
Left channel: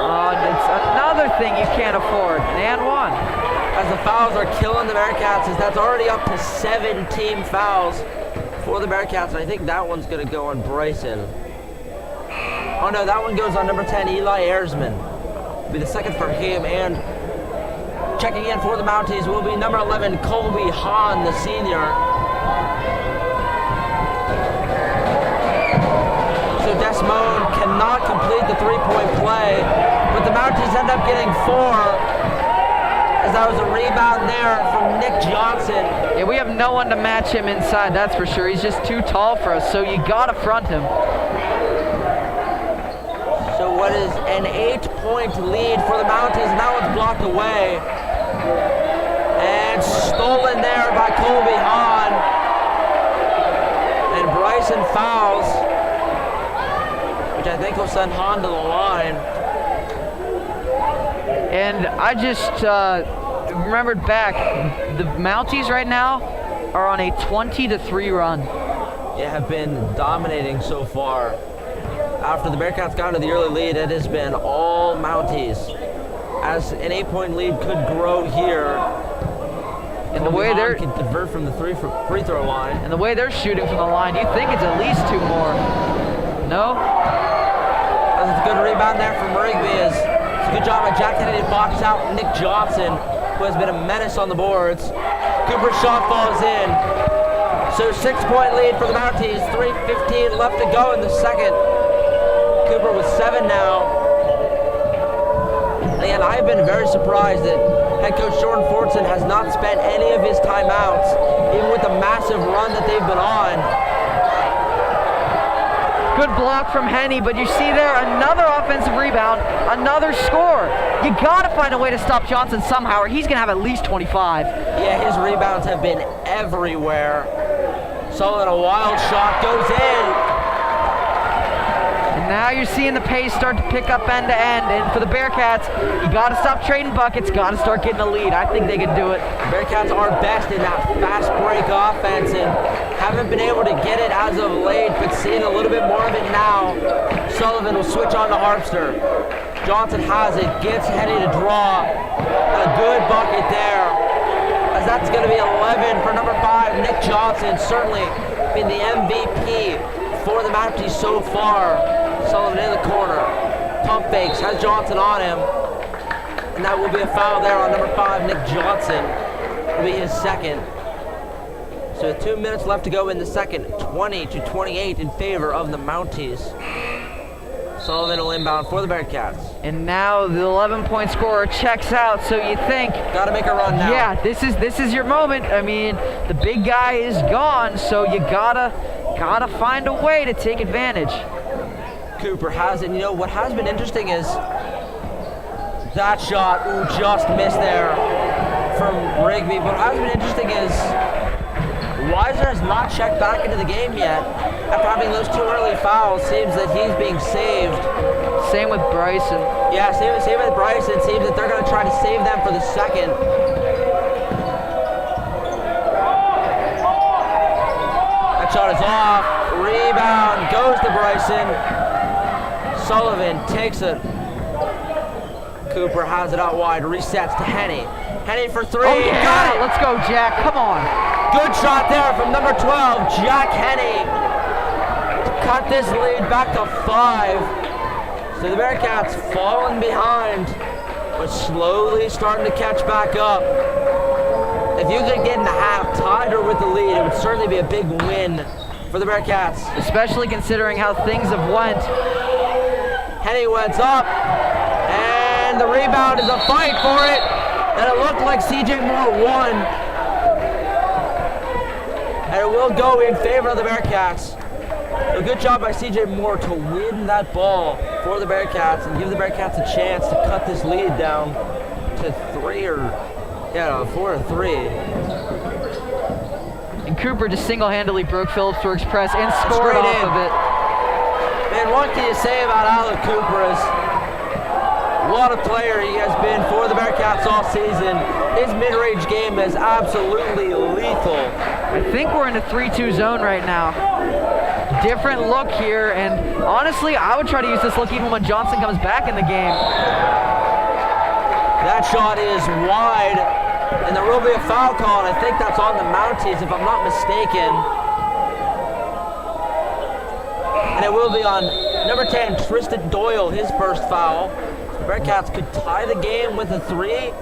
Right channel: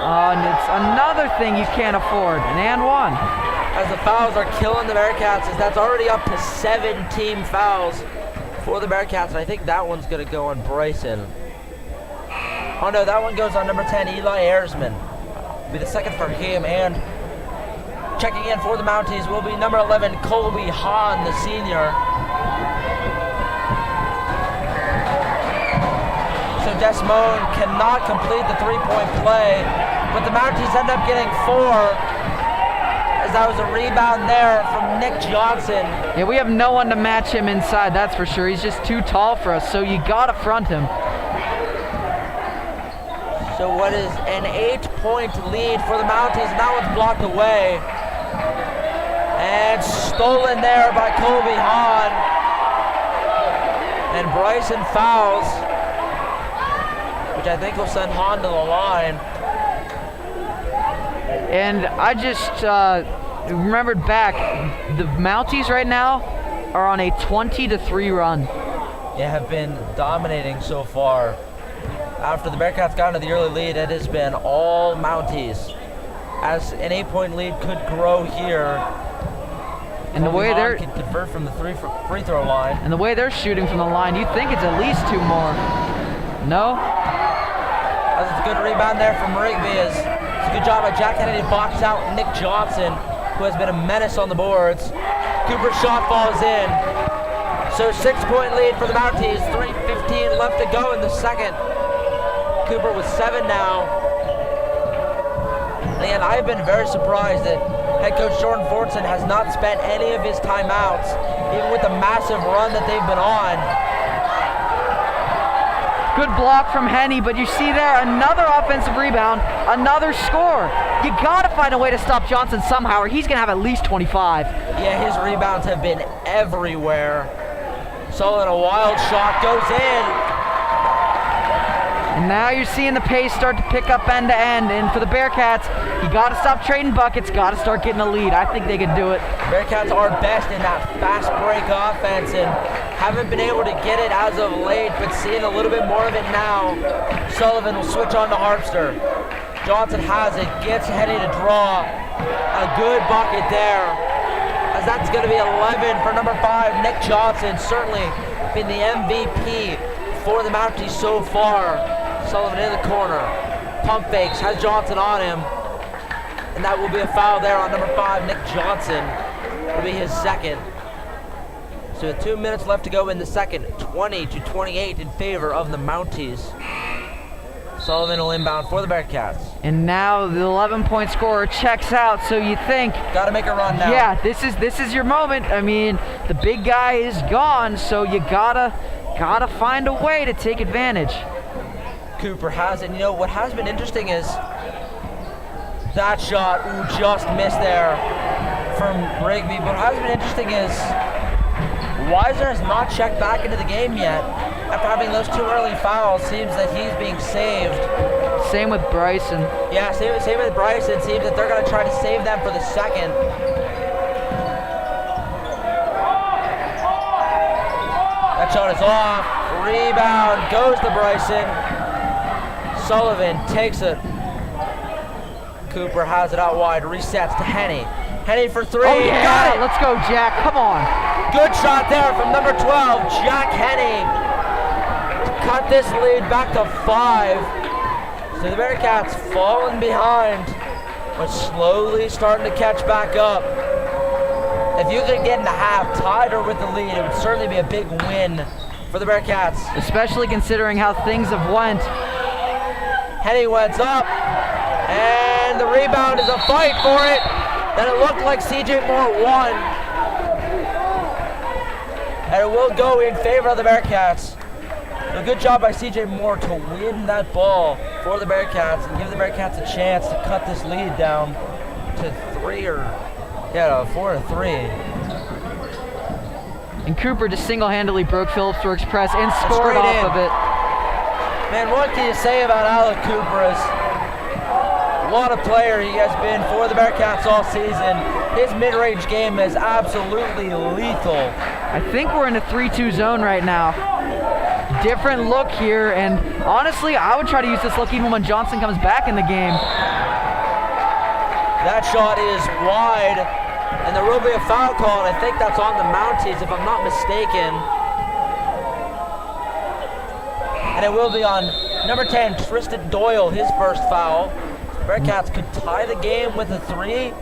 Oh, and it's another thing you can't afford. And 1. As the fouls are killing the Bearcats, as that's already up to 7 team fouls for the Bearcats. And I think that one's going to go on Bryson. Oh no, that one goes on number 10, Eli Ayersman. Be the second for him. And checking in for the Mounties will be number 11, Colby Hahn, the senior. So Desmond cannot complete the 3-point play, but the Mounties end up getting 4, as that was a rebound there from Nick Johnson. Yeah, we have no one to match him inside, that's for sure. He's just too tall for us, so you gotta front him. So what is an 8-point lead for the Mounties, and that one's blocked away. And stolen there by Colby Hahn. And Bryson fouls, which I think will send Hahn to the line. And I just remembered back, the Mounties right now are on a 20-3 run. They have been dominating so far. After the Bearcats got into the early lead, it has been all Mounties, as an 8-point lead could grow here. And the way they're can convert from the free throw line. And the way they're shooting from the line, you'd think it's at least 2 more. No? That's a good rebound there from Rigby. It's a good job by Jack Kennedy to box out Nick Johnson, who has been a menace on the boards. Cooper's shot falls in. So 6-point lead for the Mounties. 3:15 left to go in the second. Cooper with 7 now. And again, I've been very surprised that head coach Jordan Fortson has not spent any of his timeouts, even with the massive run that they've been on. Good block from Henny, but you see there another offensive rebound, another score. You gotta find a way to stop Johnson somehow, or he's gonna have at least 25. Yeah, his rebounds have been everywhere. Sullivan, a wild shot, goes in. And now you're seeing the pace start to pick up end to end. And for the Bearcats, you got to stop trading buckets, got to start getting a lead. I think they can do it. Bearcats are best in that fast break offense and haven't been able to get it as of late, but seeing a little bit more of it now. Sullivan will switch on to Harpster. Johnson has it, gets Henny to draw. A good bucket there, as that's going to be 11 for number 5, Nick Johnson. Certainly been the MVP for the Mounties so far. Sullivan in the corner, pump fakes, has Johnson on him, and that will be a foul there on number 5, Nick Johnson. It'll be his second. So 2 minutes left to go in the second, 20-28 in favor of the Mounties. Sullivan will inbound for the Bearcats. And now the 11-point scorer checks out, so you think, gotta make a run now. Yeah, this is your moment. I mean, the big guy is gone, so you gotta find a way to take advantage. Cooper has it. You know, what has been interesting is that shot, just missed there from Rigby. But what has been interesting is Weiser has not checked back into the game yet. After having those 2 early fouls, seems that he's being saved. Same with Bryson. Yeah, same with Bryson. Seems that they're going to try to save them for the second. That shot is off. Rebound goes to Bryson. Sullivan takes it. Cooper has it out wide. Resets to Henny. Henny for three. Oh yeah, Got it. let's go, Jack. Come on. Good shot there from number 12, Jack Henny. To cut this lead back to 5. So the Bearcats falling behind, but slowly starting to catch back up. If you could get in the half tied or with the lead, it would certainly be a big win for the Bearcats. Especially considering how things have went. Henny went up, and the rebound is a fight for it. And it looked like CJ Moore won. And it will go in favor of the Bearcats. So good job by CJ Moore to win that ball for the Bearcats and give the Bearcats a chance to cut this lead down to 4 to 3. And Cooper just single-handedly broke Philipsburg's press and scored Straight off in. of it. Man, what can you say about Alec Cooper? What a player he has been for the Bearcats all season. His mid-range game is absolutely lethal. I think we're in a 3-2 zone right now. Different look here, and honestly, I would try to use this look even when Johnson comes back in the game. That shot is wide, and there will be a foul call, and I think that's on the Mounties, if I'm not mistaken. And it will be on number 10, Tristan Doyle, his first foul. The Bearcats could tie the game with a 3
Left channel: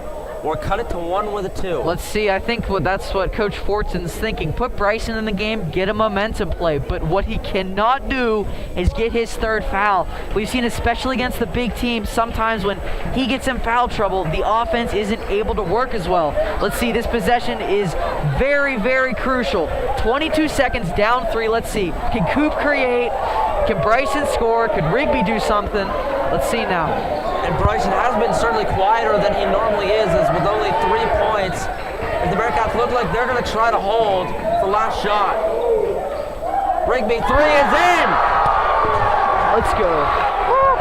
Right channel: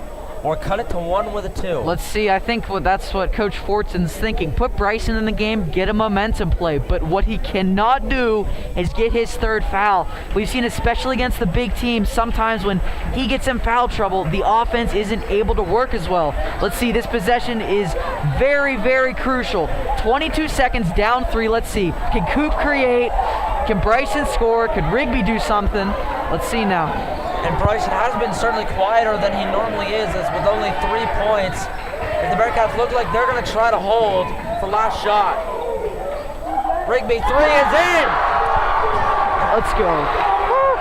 or cut it to 1 with a 2. Let's see, I think that's what Coach Fortson's thinking. Put Bryson in the game, get a momentum play, but what he cannot do is get his third foul. We've seen, especially against the big teams, sometimes when he gets in foul trouble, the offense isn't able to work as well. Let's see, this possession is very, very crucial. 22 seconds, down 3, let's see. Can Coop create? Can Bryson score? Could Rigby do something? Let's see now. And Bryson has been certainly quieter than he normally is, as with only 3 points. If the Bearcats look like they're going to try to hold for last shot. Rigby, 3 is in! Let's go. Woo.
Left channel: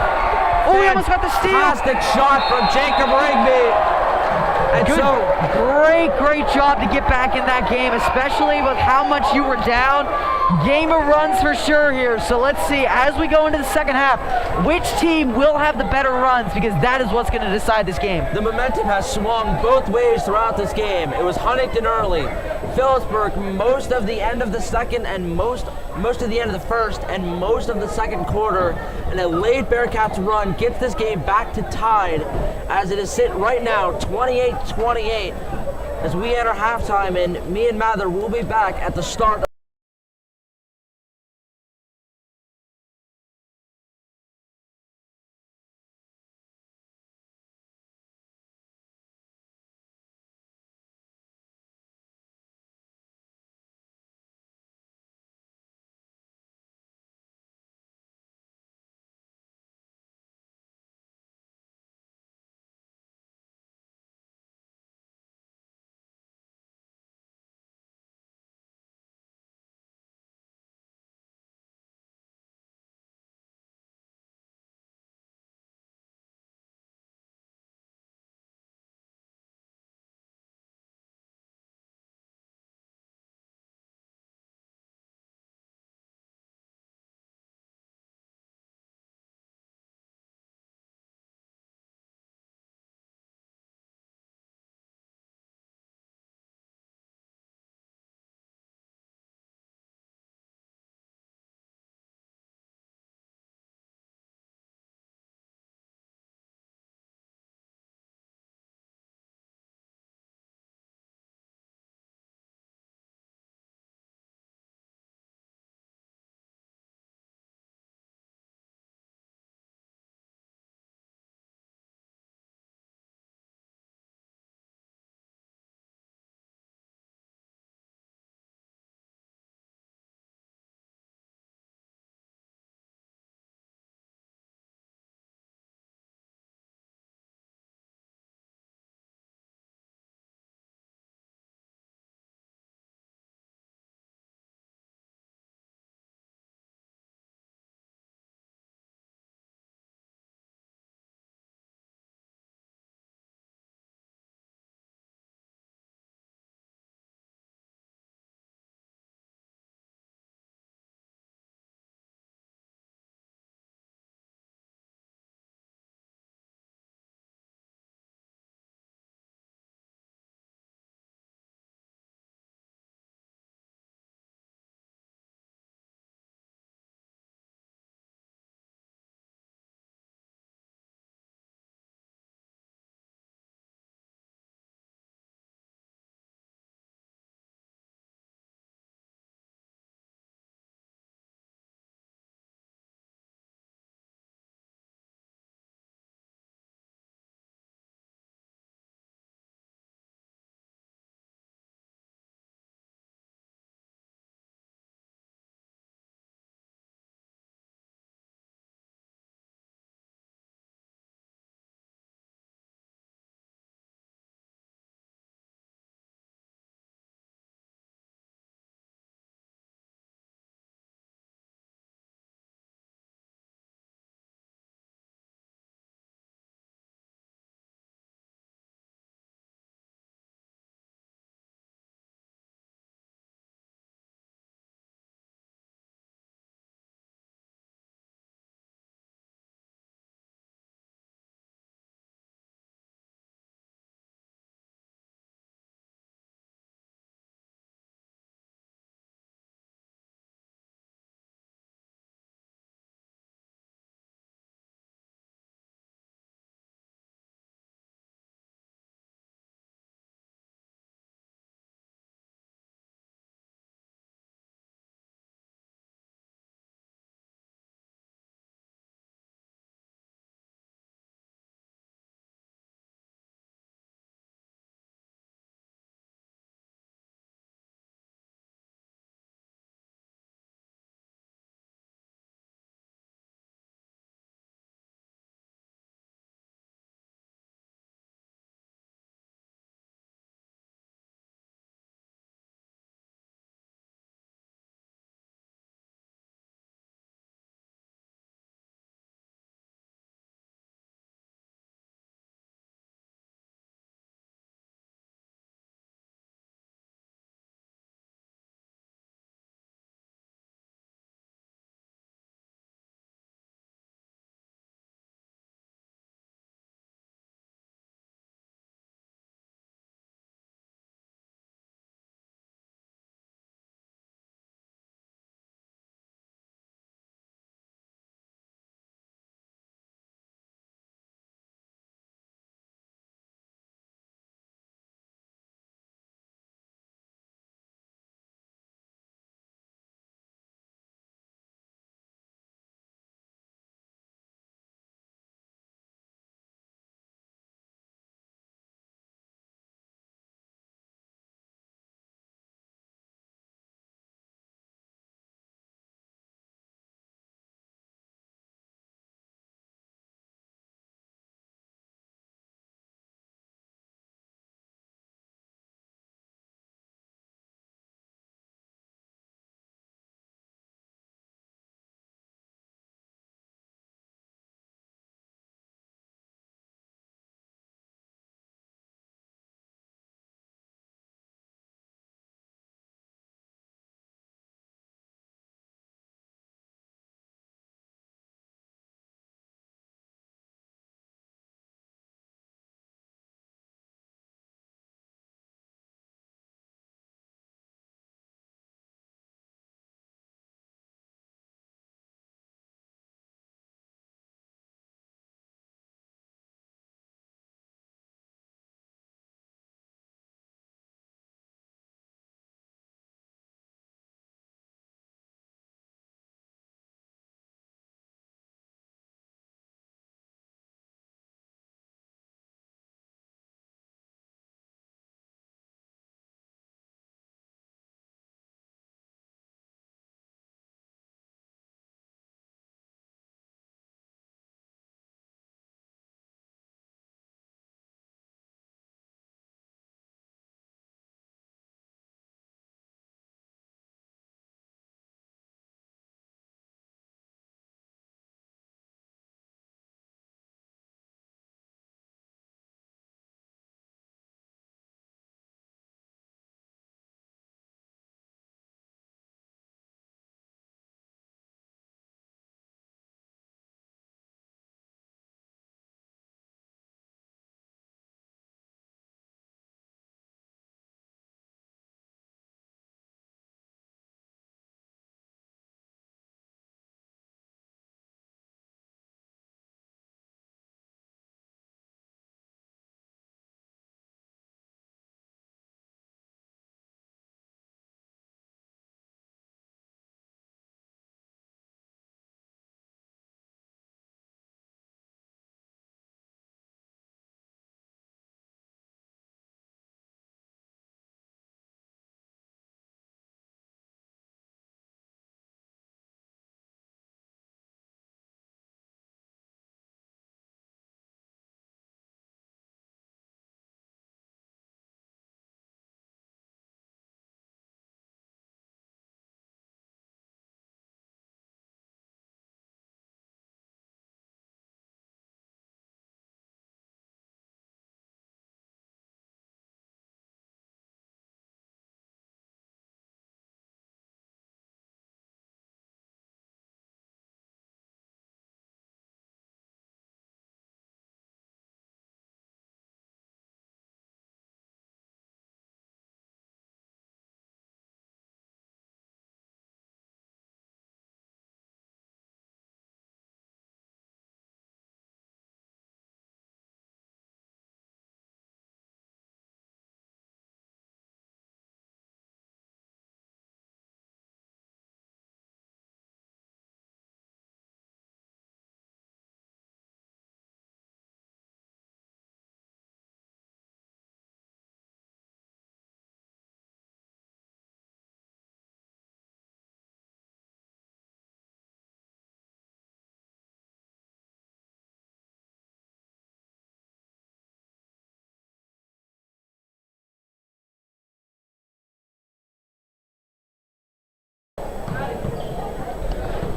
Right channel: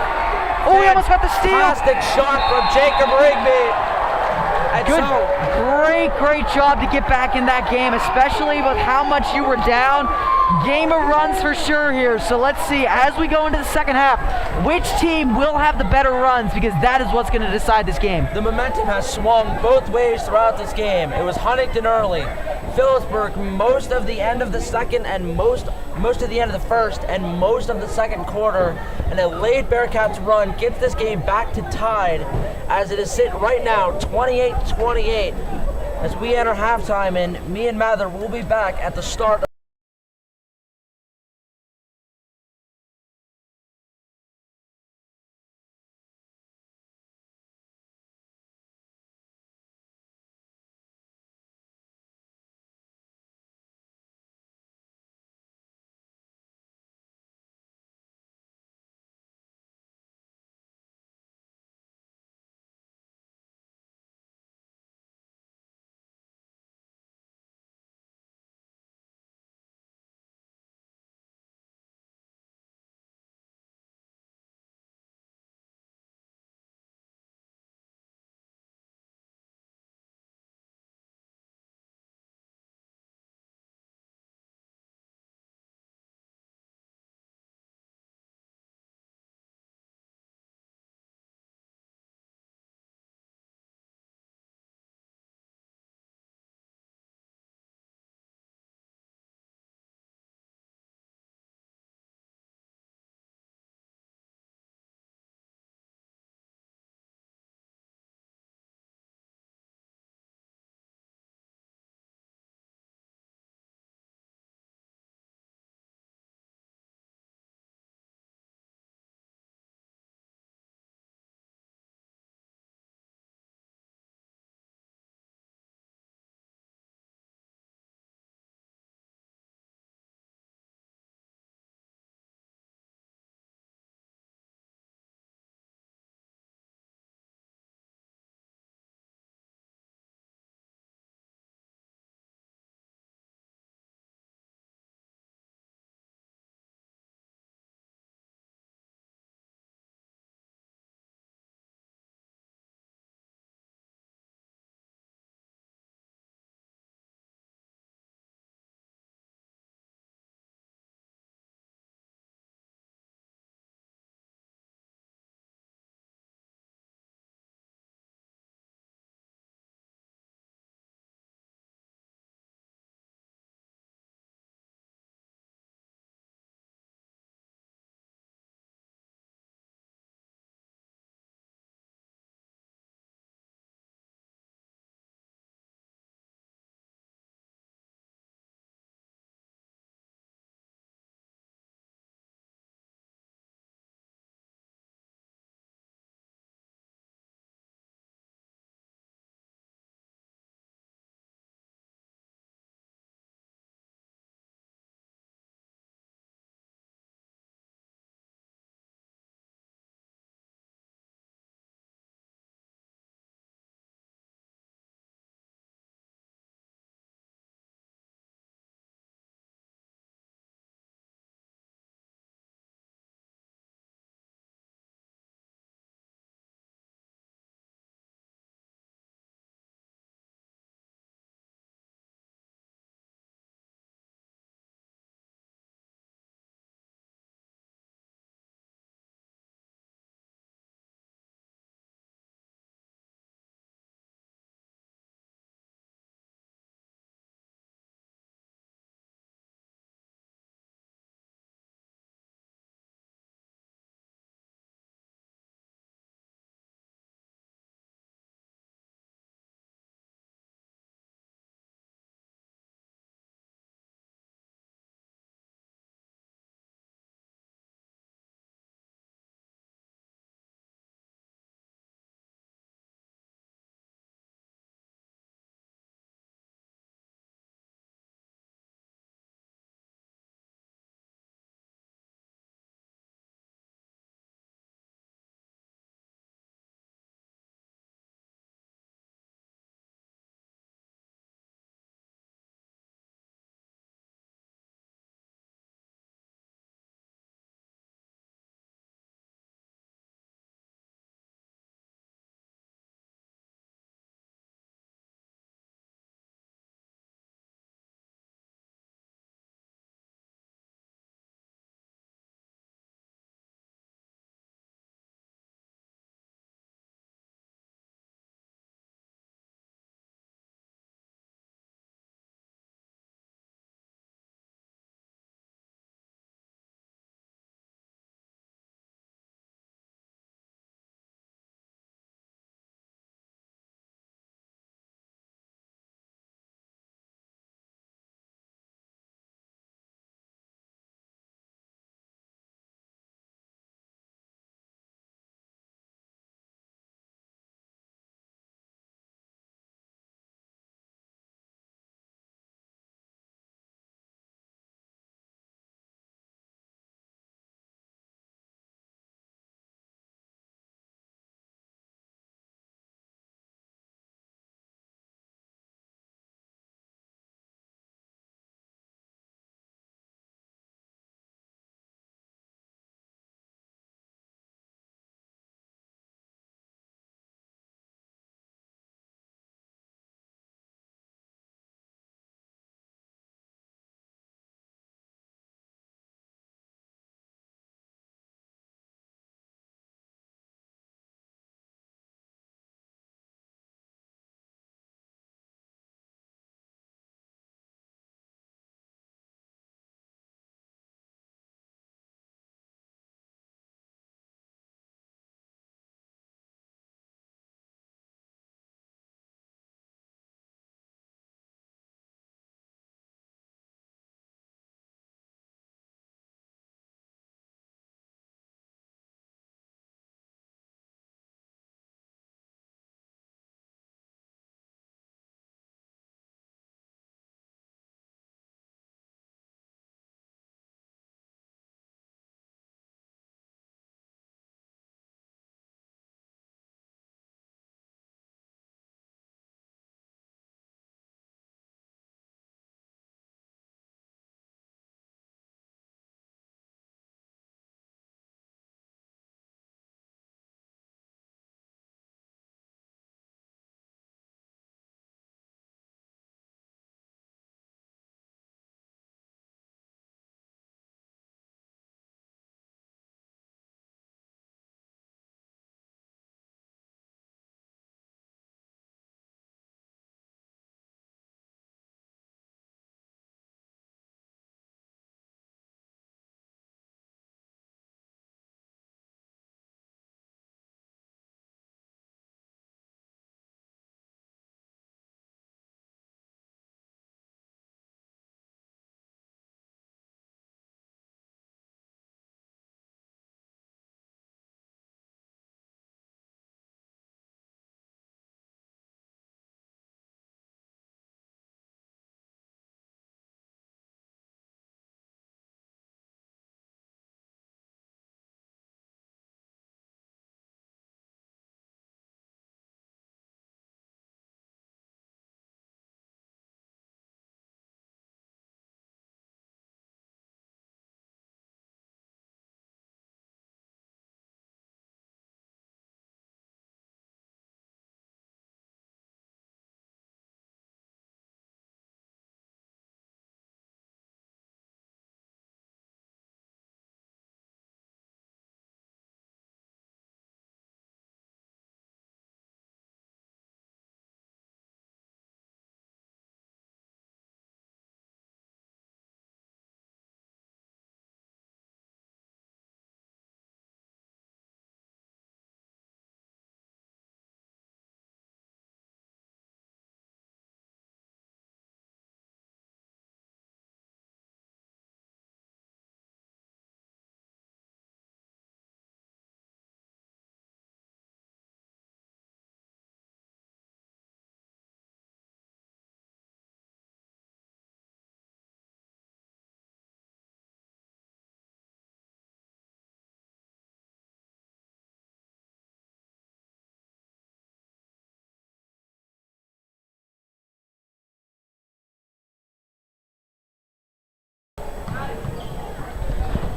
Oh, he almost got the steal. Fantastic shot from Jacob Rigby. And Good, so, great job to get back in that game, especially with how much you were down. Game of runs for sure here. So let's see, as we go into the second half, which team will have the better runs, because that is what's going to decide this game. the momentum has swung both ways throughout this game. It was Huntingdon early, Philipsburg most of the end of the second and most of the end of the first and most of the second quarter, and a late Bearcats run gets this game back to tied as it is sitting right now 28-28 as we enter halftime, and me and Mather will be back at the start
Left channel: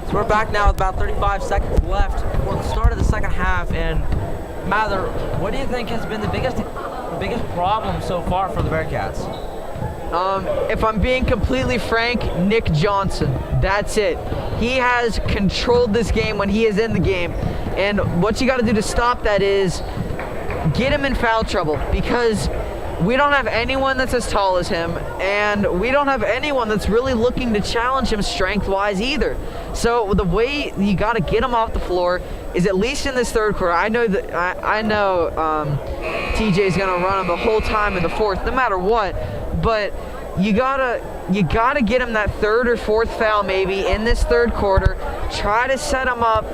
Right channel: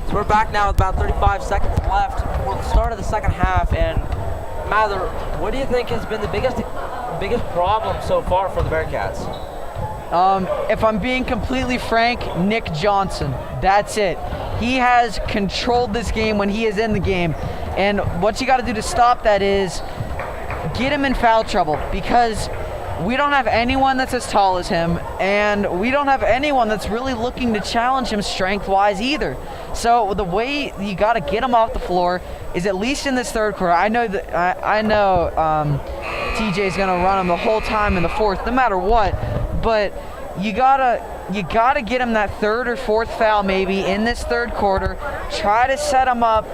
So we're back now with about 35 seconds left for the start of the second half. And Mather, what do you think has been the biggest problem so far for the Bearcats? If I'm being completely frank, Nick Johnson. That's it. He has controlled this game when he is in the game. And what you got to do to stop that is get him in foul trouble, because we don't have anyone that's as tall as him, and we don't have anyone that's really looking to challenge him strength-wise either. So the way you got to get him off the floor is, at least in this third quarter, I know TJ's going to run him the whole time in the fourth, no matter what, but you gotta get him that third or fourth foul maybe in this third quarter. Try to set him up,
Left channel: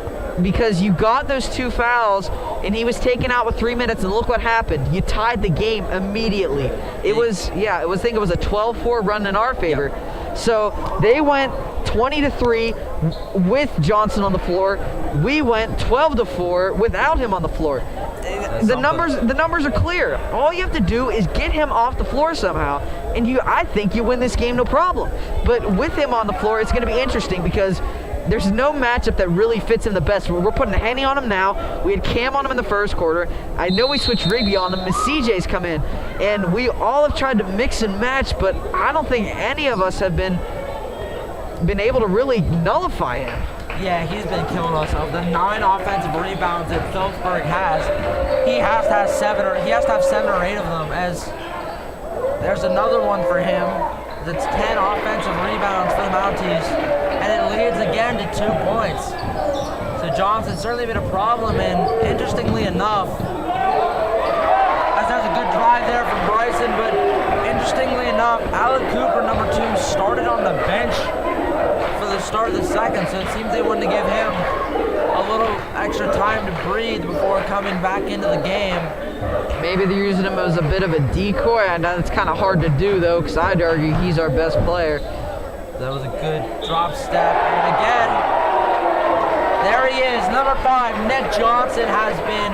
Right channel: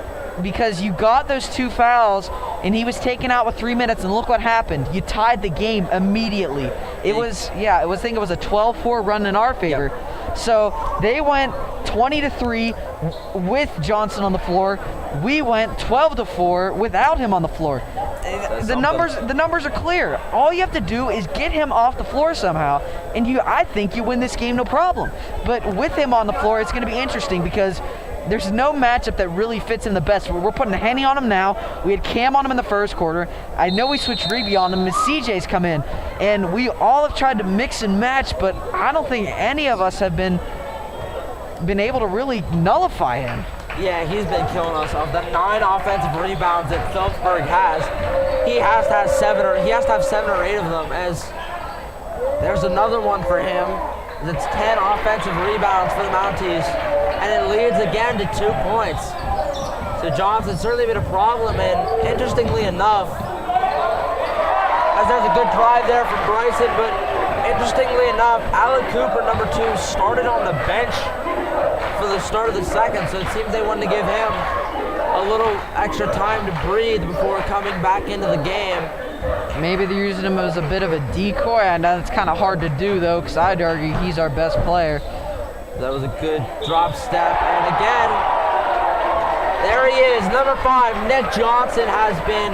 because you got those 2 fouls and he was taken out with 3 minutes, and look what happened. You tied the game immediately. I think it was a 12-4 run in our favor. Yep. So they went 20-3 with Johnson on the floor. We went 12-4 without him on the floor. The numbers are clear. All you have to do is get him off the floor somehow, and I think you win this game no problem. But with him on the floor, it's going to be interesting, because there's no matchup that really fits him the best. We're putting Henny on him now. We had Cam on him in the first quarter. I know we switched Rigby on him. Miss CJ's come in, and we all have tried to mix and match, but I don't think any of us have been able to really nullify him. Yeah, he's been killing us. Of the 9 offensive rebounds that Philipsburg has, he has to have 7 or 8 of them. As there's another one for him that's 10 offensive rebounds for the Mounties, and it leads again to 2 points. So Johnson's certainly been a problem, and interestingly enough, as there's a good drive there from Bryson, but interestingly enough, Alec Cooper, number 2, started on the bench for the start of the second, so it seems they wanted to give him a little extra time to breathe before coming back into the game. Maybe they're using him as a bit of a decoy. I know it's kind of hard to do, though, because I'd argue he's our best player. That was a good drop step, and again, there he is, number 5, Nick Johnson, has been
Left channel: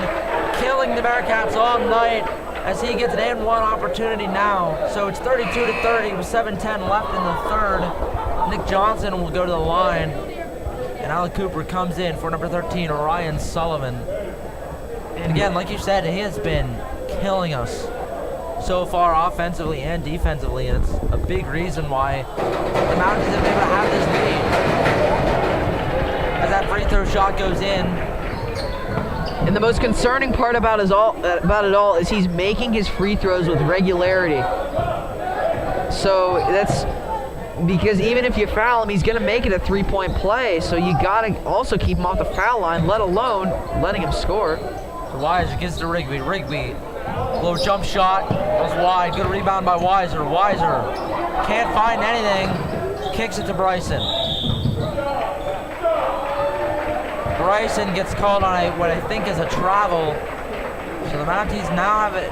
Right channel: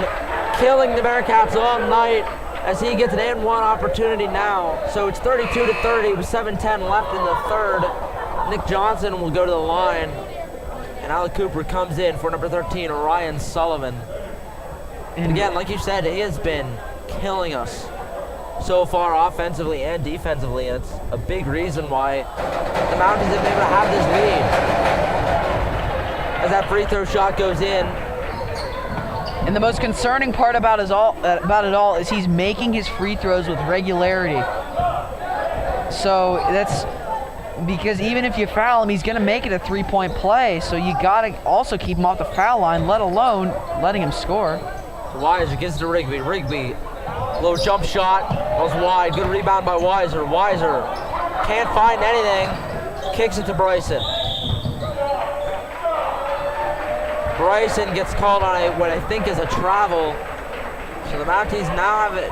killing the Bearcats all night as he gets an and-one opportunity now. So it's 32-30 with 7:10 left in the third. Nick Johnson will go to the line, and Alec Cooper comes in for number 13, Ryan Sullivan. And again, like you said, he has been killing us so far offensively and defensively, and it's a big reason why the Mounties have been able to have this lead. As that free throw shot goes in. And the most concerning part about it all is he's making his free throws with regularity. So that's because even if you foul him, he's going to make it a 3-point play. So you got to also keep him off the foul line, let alone letting him score. So Weiser gets to Rigby. Rigby, low jump shot, was wide. Good rebound by Weiser. Weiser can't find anything. Kicks it to Bryson. Bryson gets called on what I think is a travel. So the Mounties now have a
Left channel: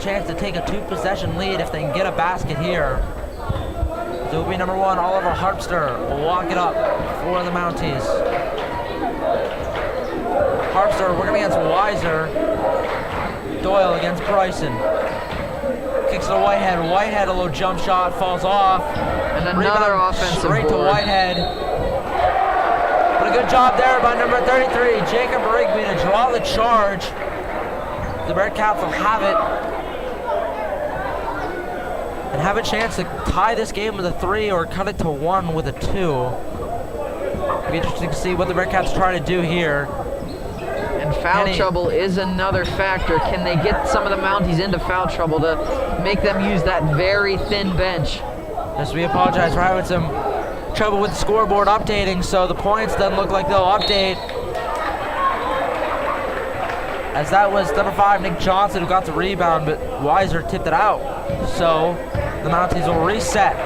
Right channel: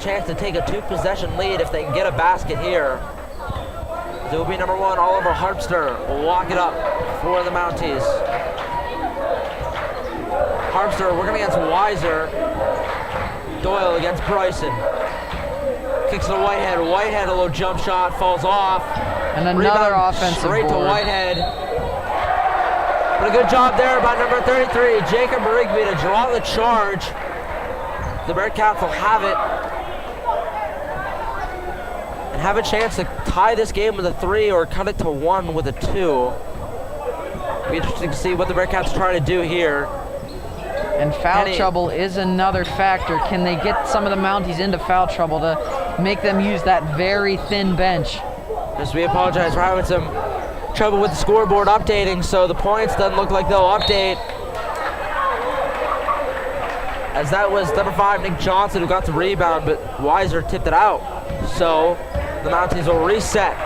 chance to take a 2-possession lead if they can get a basket here. So it will be number 1, Oliver Harpster will walk it up for the Mounties. Harpster working against Weiser. Doyle against Bryson. Kicks to Whitehead. Whitehead, a low jump shot, falls off. And another offensive straight board. to Whitehead. But a good job there by number 33, Jacob Rigby, to draw the charge. The Bearcats will have it and have a chance to tie this game with a 3 or cut it to 1 with a 2. Be interesting to see what the Bearcats try to do here. And foul trouble is another factor. Can they get some of the Mounties into foul trouble to make them use that very thin bench? As we apologize for having some trouble with the scoreboard updating, so the points doesn't look like they'll update. As that was number 5, Nick Johnson, who got the rebound, but Weiser tipped it out. So the Mounties will reset.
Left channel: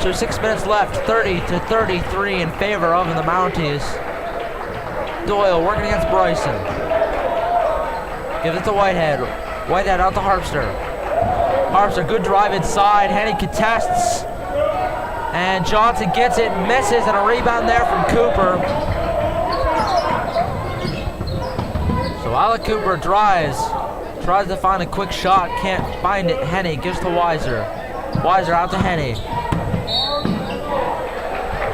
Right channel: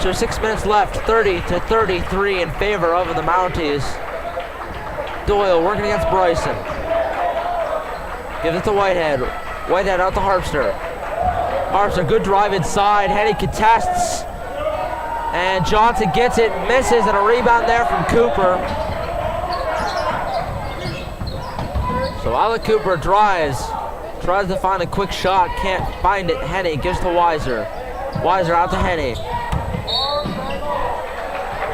So 6 minutes left, 30-33 in favor of the Mounties. Doyle working against Bryson. Gives it to Whitehead. Whitehead out to Harpster. Harpster, good drive inside. Henny contests. And Johnson gets it, misses, and a rebound there from Cooper. So Alec Cooper drives, tries to find a quick shot, can't find it. Henny gives to Weiser. Weiser out to Henny.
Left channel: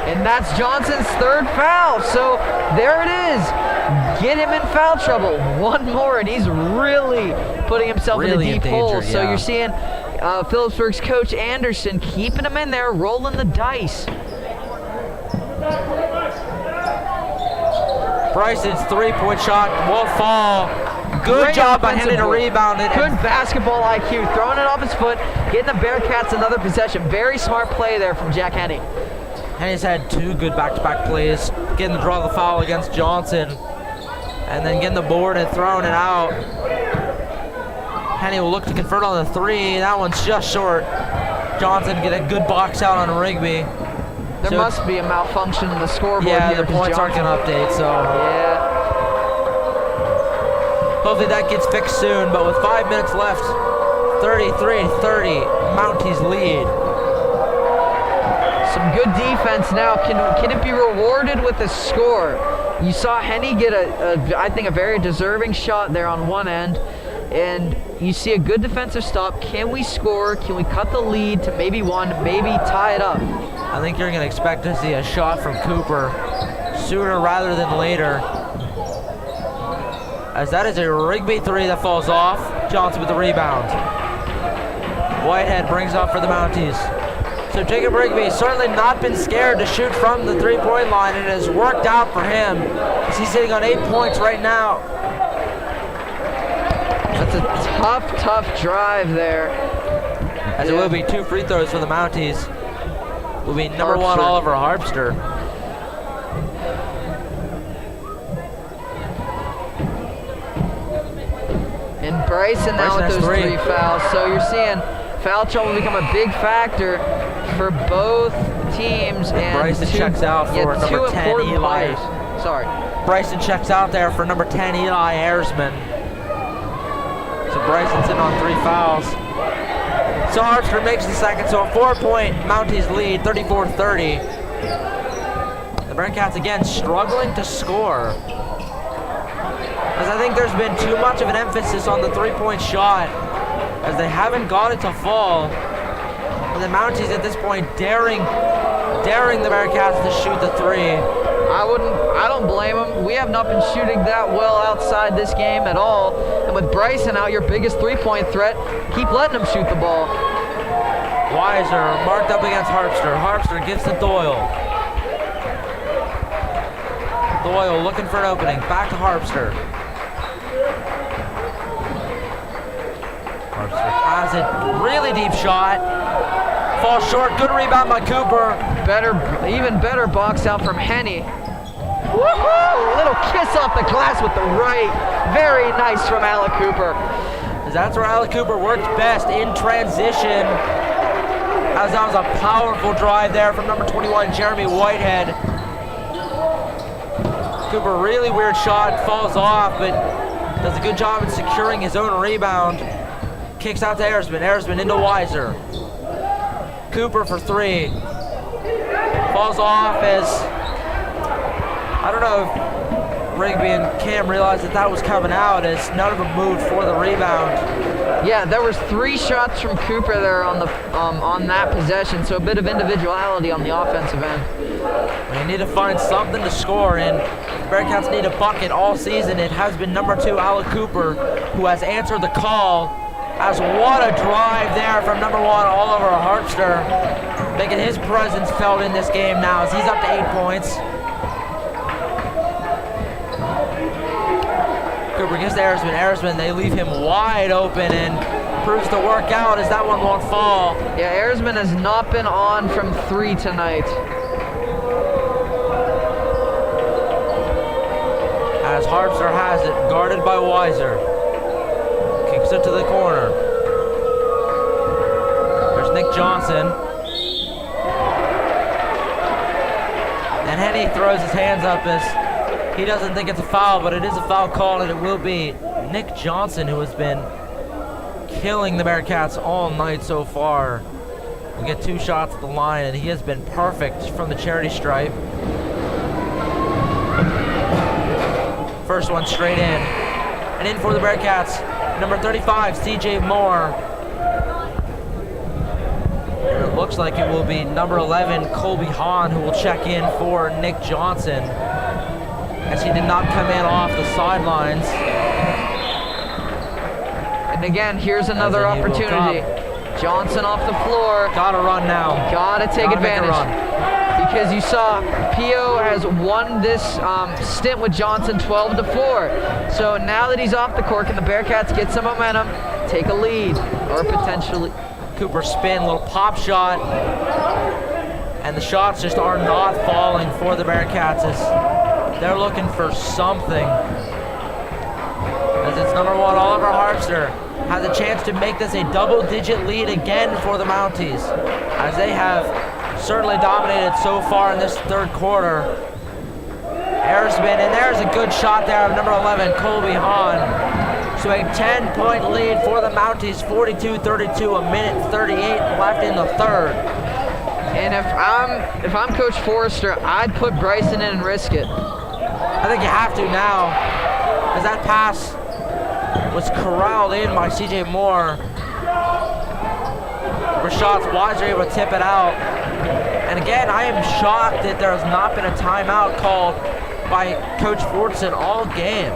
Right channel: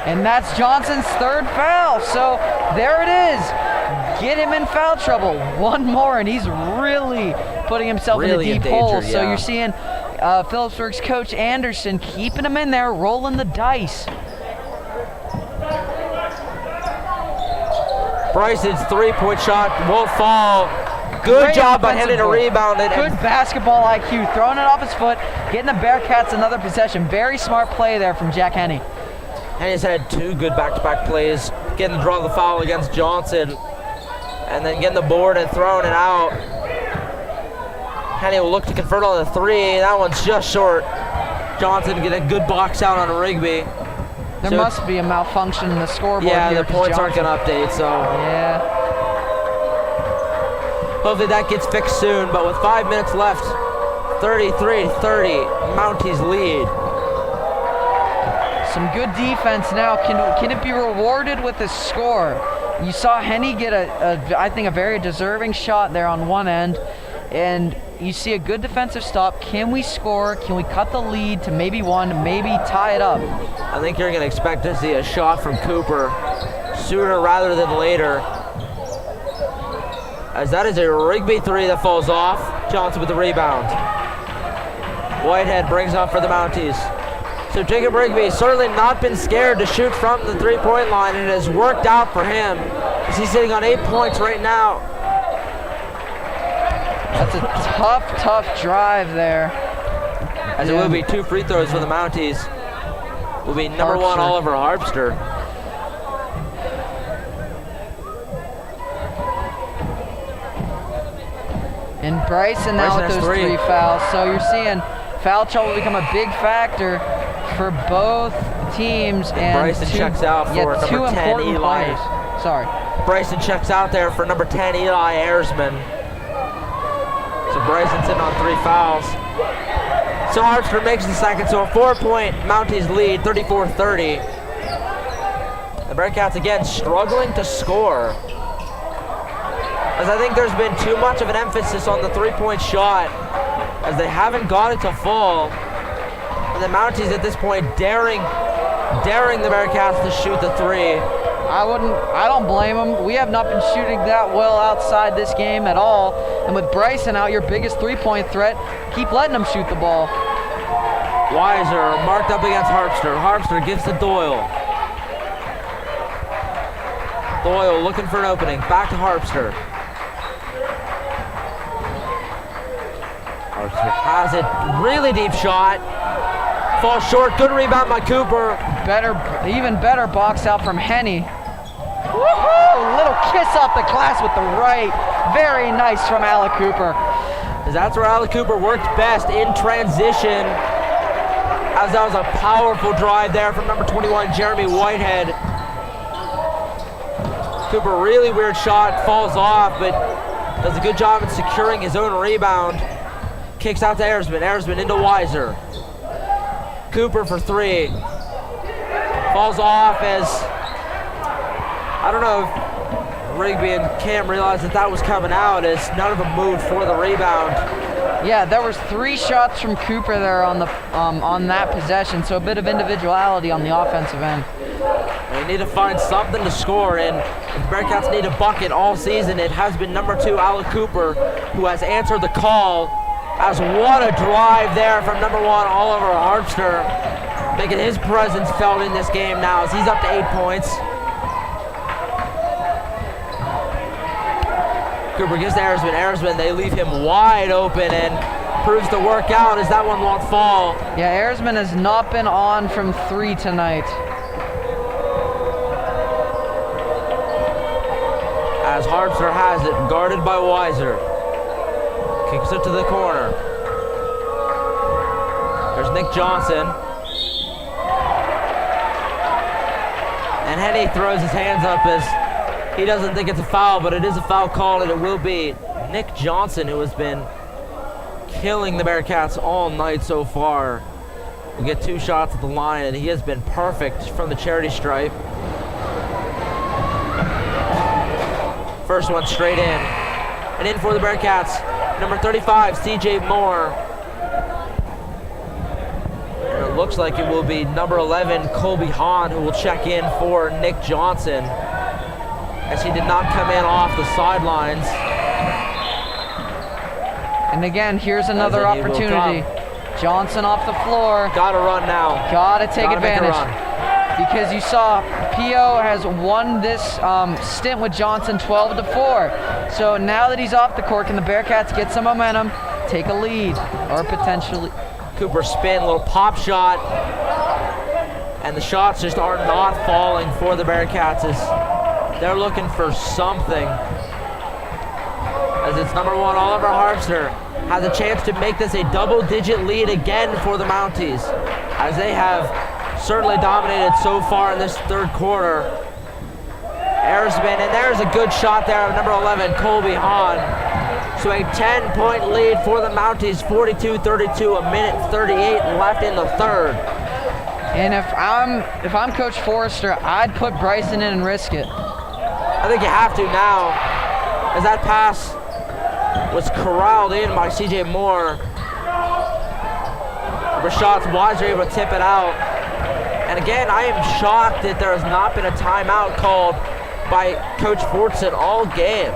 And that's Johnson's third foul. So there it is. Get him in foul trouble. One more, and he's really putting himself Really in a in deep danger, hole. So yeah. you're seeing Philipsburg's coach Anderson keeping him in there, rolling the dice. Bryson's three-point shot won't fall. Good Great job by offensive Henry to board. rebound it. Good basketball IQ, throwing it off his foot, getting the Bearcats another possession. Very smart play there from Jack Henney. Henry's had two good back-to-back plays, getting the draw of the foul against Johnson, and then getting the board and throwing it out. Henny will look to convert on the three. That one's just short. Johnson get a good box out on Rigby. There So must be a malfunction in the scoreboard yeah, here. the points aren't going to update, so Yeah. hopefully that gets fixed soon. But with 5 minutes left, 33-30, Mounties lead. Some good defense now. Can it be rewarded with a score? You saw Henny get I think a very deserving shot there on one end, and you see a good defensive stop. Can we score? Can we cut the lead to maybe one, maybe tie it up? I think you're going to expect to see a shot from Cooper sooner rather than later, as that is a Rigby three that falls off. Johnson with the rebound. Whitehead brings off for the Mounties. So Jacob Rigby certainly not been scared to shoot from the three-point line, and it has worked out for him, as he's sitting on 8 points right now. That's a tough drive there. As it will be two free throws for the Mounties. Will be number one Harpster. Oliver Harpster. And Bryson now Bryson with has those three. three fouls. So you're seeing foul trouble become a big factor for both teams. And Bryson checks out for number two 10, important Eli. players. Sorry. Bryson checks out there for number 10, Eli Ayersman. So Bryson's in on three fouls. So Hartford makes the second, so a 4-point Mounties lead, 34-30. The Bearcats again struggling to score, as I think there's been too much of an emphasis on the three-point shot, as they haven't got it to fall. And the Mounties at this point daring the Bearcats to shoot the three. I don't blame them. We have not been shooting that well outside this game at all. And with Bryson out, your biggest three-point threat, keep letting him shoot the ball. Weiser marked up against Harpster. Harpster gives to Doyle. Doyle looking for an opening. Back to Harpster. Harpster has it. Really deep shot. Falls short. Good rebound by Cooper. Even better box out from Henny. Woohoo! Little kiss off the glass with the right. Very nice from Alec Cooper. That's where Alec Cooper works best, in transition. As that was a powerful drive there from number 21, Jeremy Whitehead. Cooper, really weird shot, falls off, but does a good job in securing his own rebound. Kicks out to Ayersman. Ayersman into Weiser. Cooper for three. Falls off as, I don't know if Rigby and Cam realized that was coming out, as none of them moved for the rebound. Yeah, there was three shots from Cooper there on the on that possession, so a bit of individuality on the offensive end. They need to find something to score, and if the Bearcats need a bucket all season, it has been number 2, Alec Cooper, who has answered the call. As what a drive there from number 1, Oliver Harpster, making his presence felt in this game now, as he's up to 8 points. Cooper gives to Ayersman. Ayersman, they leave him wide open, and proves to work out as that one won't fall. Yeah, Ayersman has not been on from 3 tonight. As Harpster has it, guarded by Weiser. Kicks it to the corner. There's Nick Johnson. And Henny throws his hands up as he doesn't think it's a foul, but it is a foul call, and it will be Nick Johnson, who has been killing the Bearcats all night so far. Will get 2 shots at the line, and he has been perfect from the charity stripe. First one straight in. And in for the Bearcats, number 35, CJ Moore. And it looks like it will be number 11, Colby Hahn, who will check in for Nick Johnson, as he did not come in off the sidelines. And again, here's another opportunity. Johnson off the floor. Gotta run now. Gotta take advantage. Make a run. Because you saw P.O. has won this stint with Johnson 12-4. So now that he's off the court, can the Bearcats get some momentum, take a lead, or potentially... Cooper spin, little pop shot. And the shots just are not falling for the Bearcats as they're looking for something. As it's number 1, Oliver Harpster has a chance to make this a double-digit lead again for the Mounties, as they have certainly dominated so far in this third quarter. Airsman, and there's a good shot there of number 11, Colby Hahn. So a 10-point lead for the Mounties, 42-32, a minute 38 left in the third. And if I'm Coach Forrester, I'd put Bryson in and risk it. I think you have to now, as that pass was corralled in by CJ Moore. Rashad Weiser able to tip it out. And again, I am shocked that there has not been a timeout called by Coach Fortson all game,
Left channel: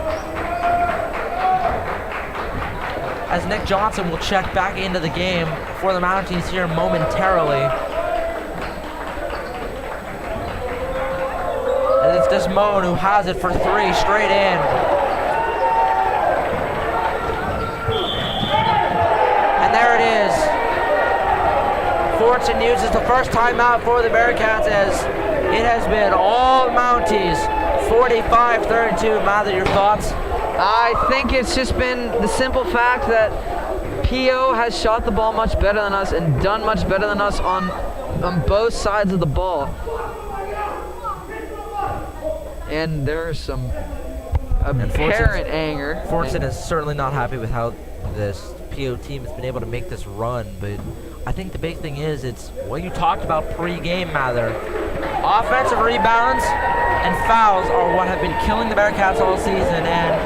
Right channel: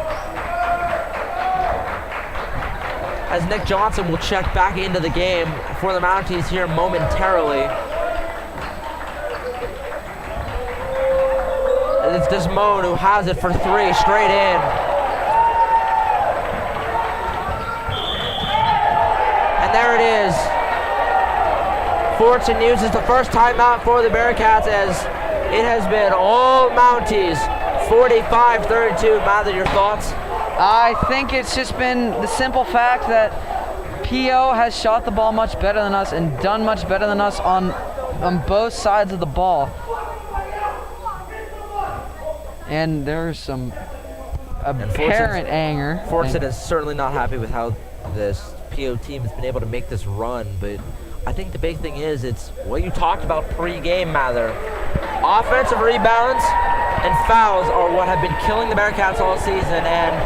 as Nick Johnson will check back into the game for the Mounties here momentarily. And it's Desmond who has it for 3 straight in. And there it is. Fortson uses the first timeout for the Bearcats, as it has been all Mounties, 45-32. Mather, your thoughts? I think it's just been the simple fact that P.O. has shot the ball much better than us and done much better than us on both sides of the ball. And there's some apparent anger. Fortson is certainly not happy with how this P.O. team has been able to make this run, but I think the big thing is it's what you talked about pre-game, Mather. Offensive rebounds and fouls are what have been killing the Bearcats all season, and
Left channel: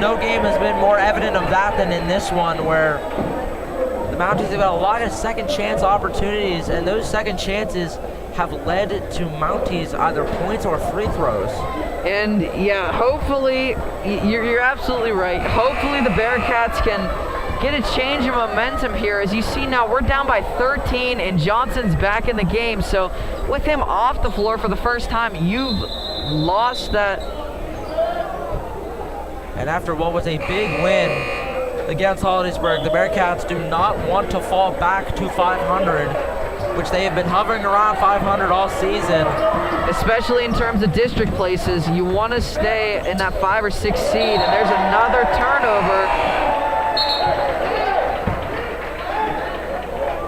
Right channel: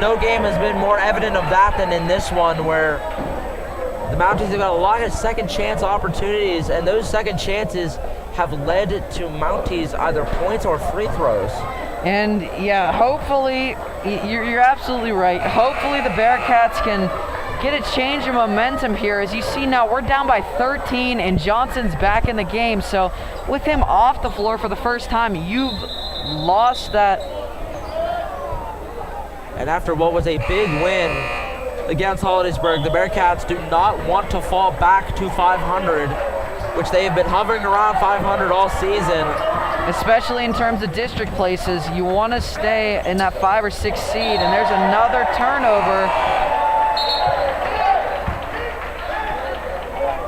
no game has been more evident of that than in this one, where the Mounties have got a lot of second chance opportunities, and those second chances have led to Mounties either points or free throws. And yeah, hopefully, you're absolutely right. Hopefully the Bearcats can get a change of momentum here. As you see now, we're down by 13 and Johnson's back in the game. So with him off the floor for the first time, you've lost that. And after what was a big win against Hollidaysburg, the Bearcats do not want to fall back to 500, which they have been hovering around 500 all season. Especially in terms of district places, you want to stay in that 5 or 6 seed, and there's another turnover.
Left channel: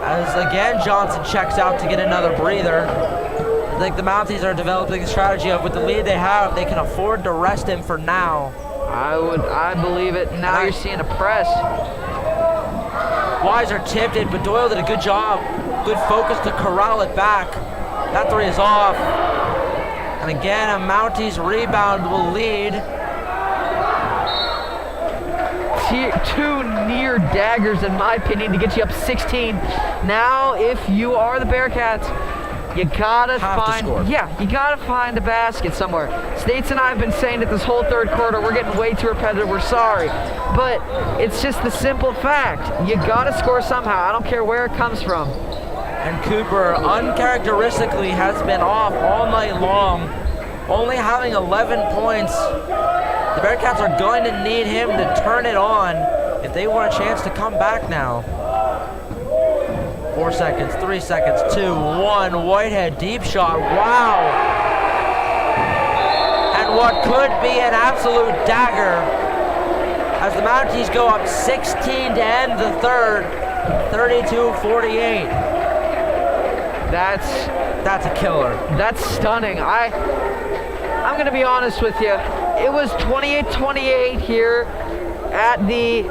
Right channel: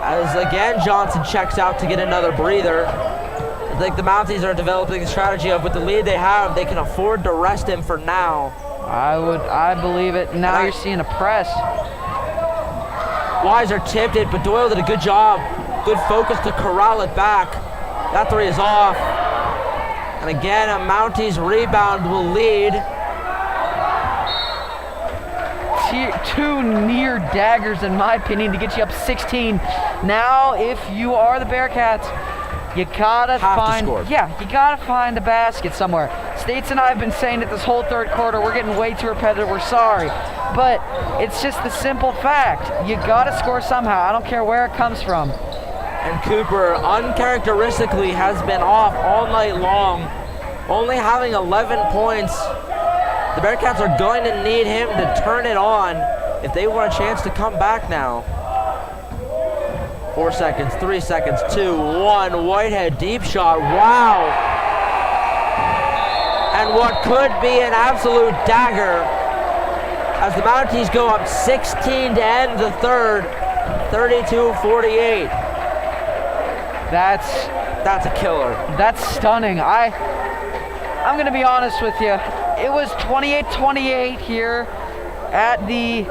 As again, Johnson checks out to get another breather. I think the Mounties are developing a strategy of, with the lead they have, they can afford to rest him for now. I believe it. Now you're seeing a press. Weiser tipped it, but Doyle did a good job. Good focus to corral it back. That 3 is off. And again, a Mounties rebound will lead. 2 near daggers, in my opinion, to get you up 16. Now, if you are the Bearcats, you gotta you gotta find a basket somewhere. States and I have been saying it this whole third quarter. We're getting way too repetitive. We're sorry, but it's just the simple fact. You gotta score somehow. I don't care where it comes from. And Cooper, uncharacteristically, has been off all night long, only having 11 points. The Bearcats are going to need him to turn it on if they want a chance to come back now. 4 seconds, 3 seconds, 2, 1. Whitehead, deep shot. Wow. And what could be an absolute dagger as the Mounties go up 16 to end the third, 32-48. That's a killer. That's stunning. I'm going to be honest with you. It was 28-28 here at the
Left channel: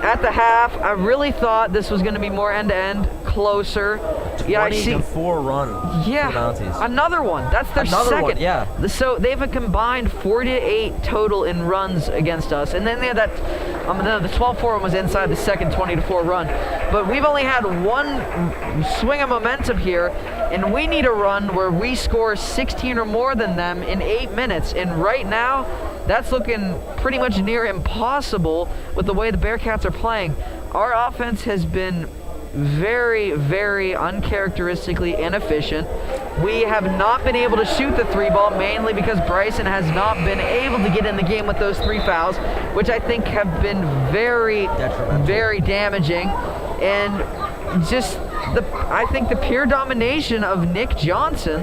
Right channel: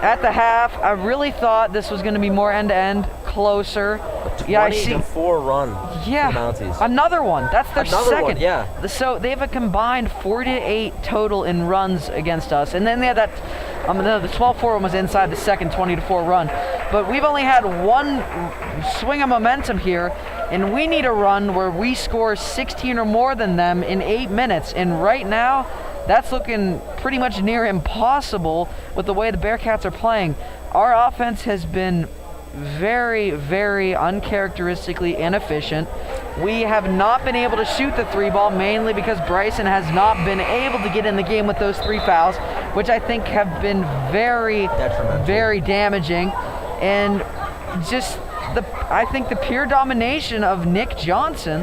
half. I really thought this was going to be more end-to-end, closer. A 20-4 run for the Mounties. Another one. That's their second. One, yeah. So they have a combined 48 total in runs against us. And then they had that No, the 12-4 one was inside the second 20-4 run. But we've only had one swing of momentum here, and we need a run where we score 16 or more than them in 8 minutes. And right now, that's looking pretty much near impossible with the way the Bearcats are playing. Our offense has been very, very uncharacteristically inefficient. We have not been able to shoot the 3-ball, mainly because Bryson has not been able to get in the game with those 3 fouls, which I think have been very detrimental, very damaging. And just I think the pure domination of Nick Johnson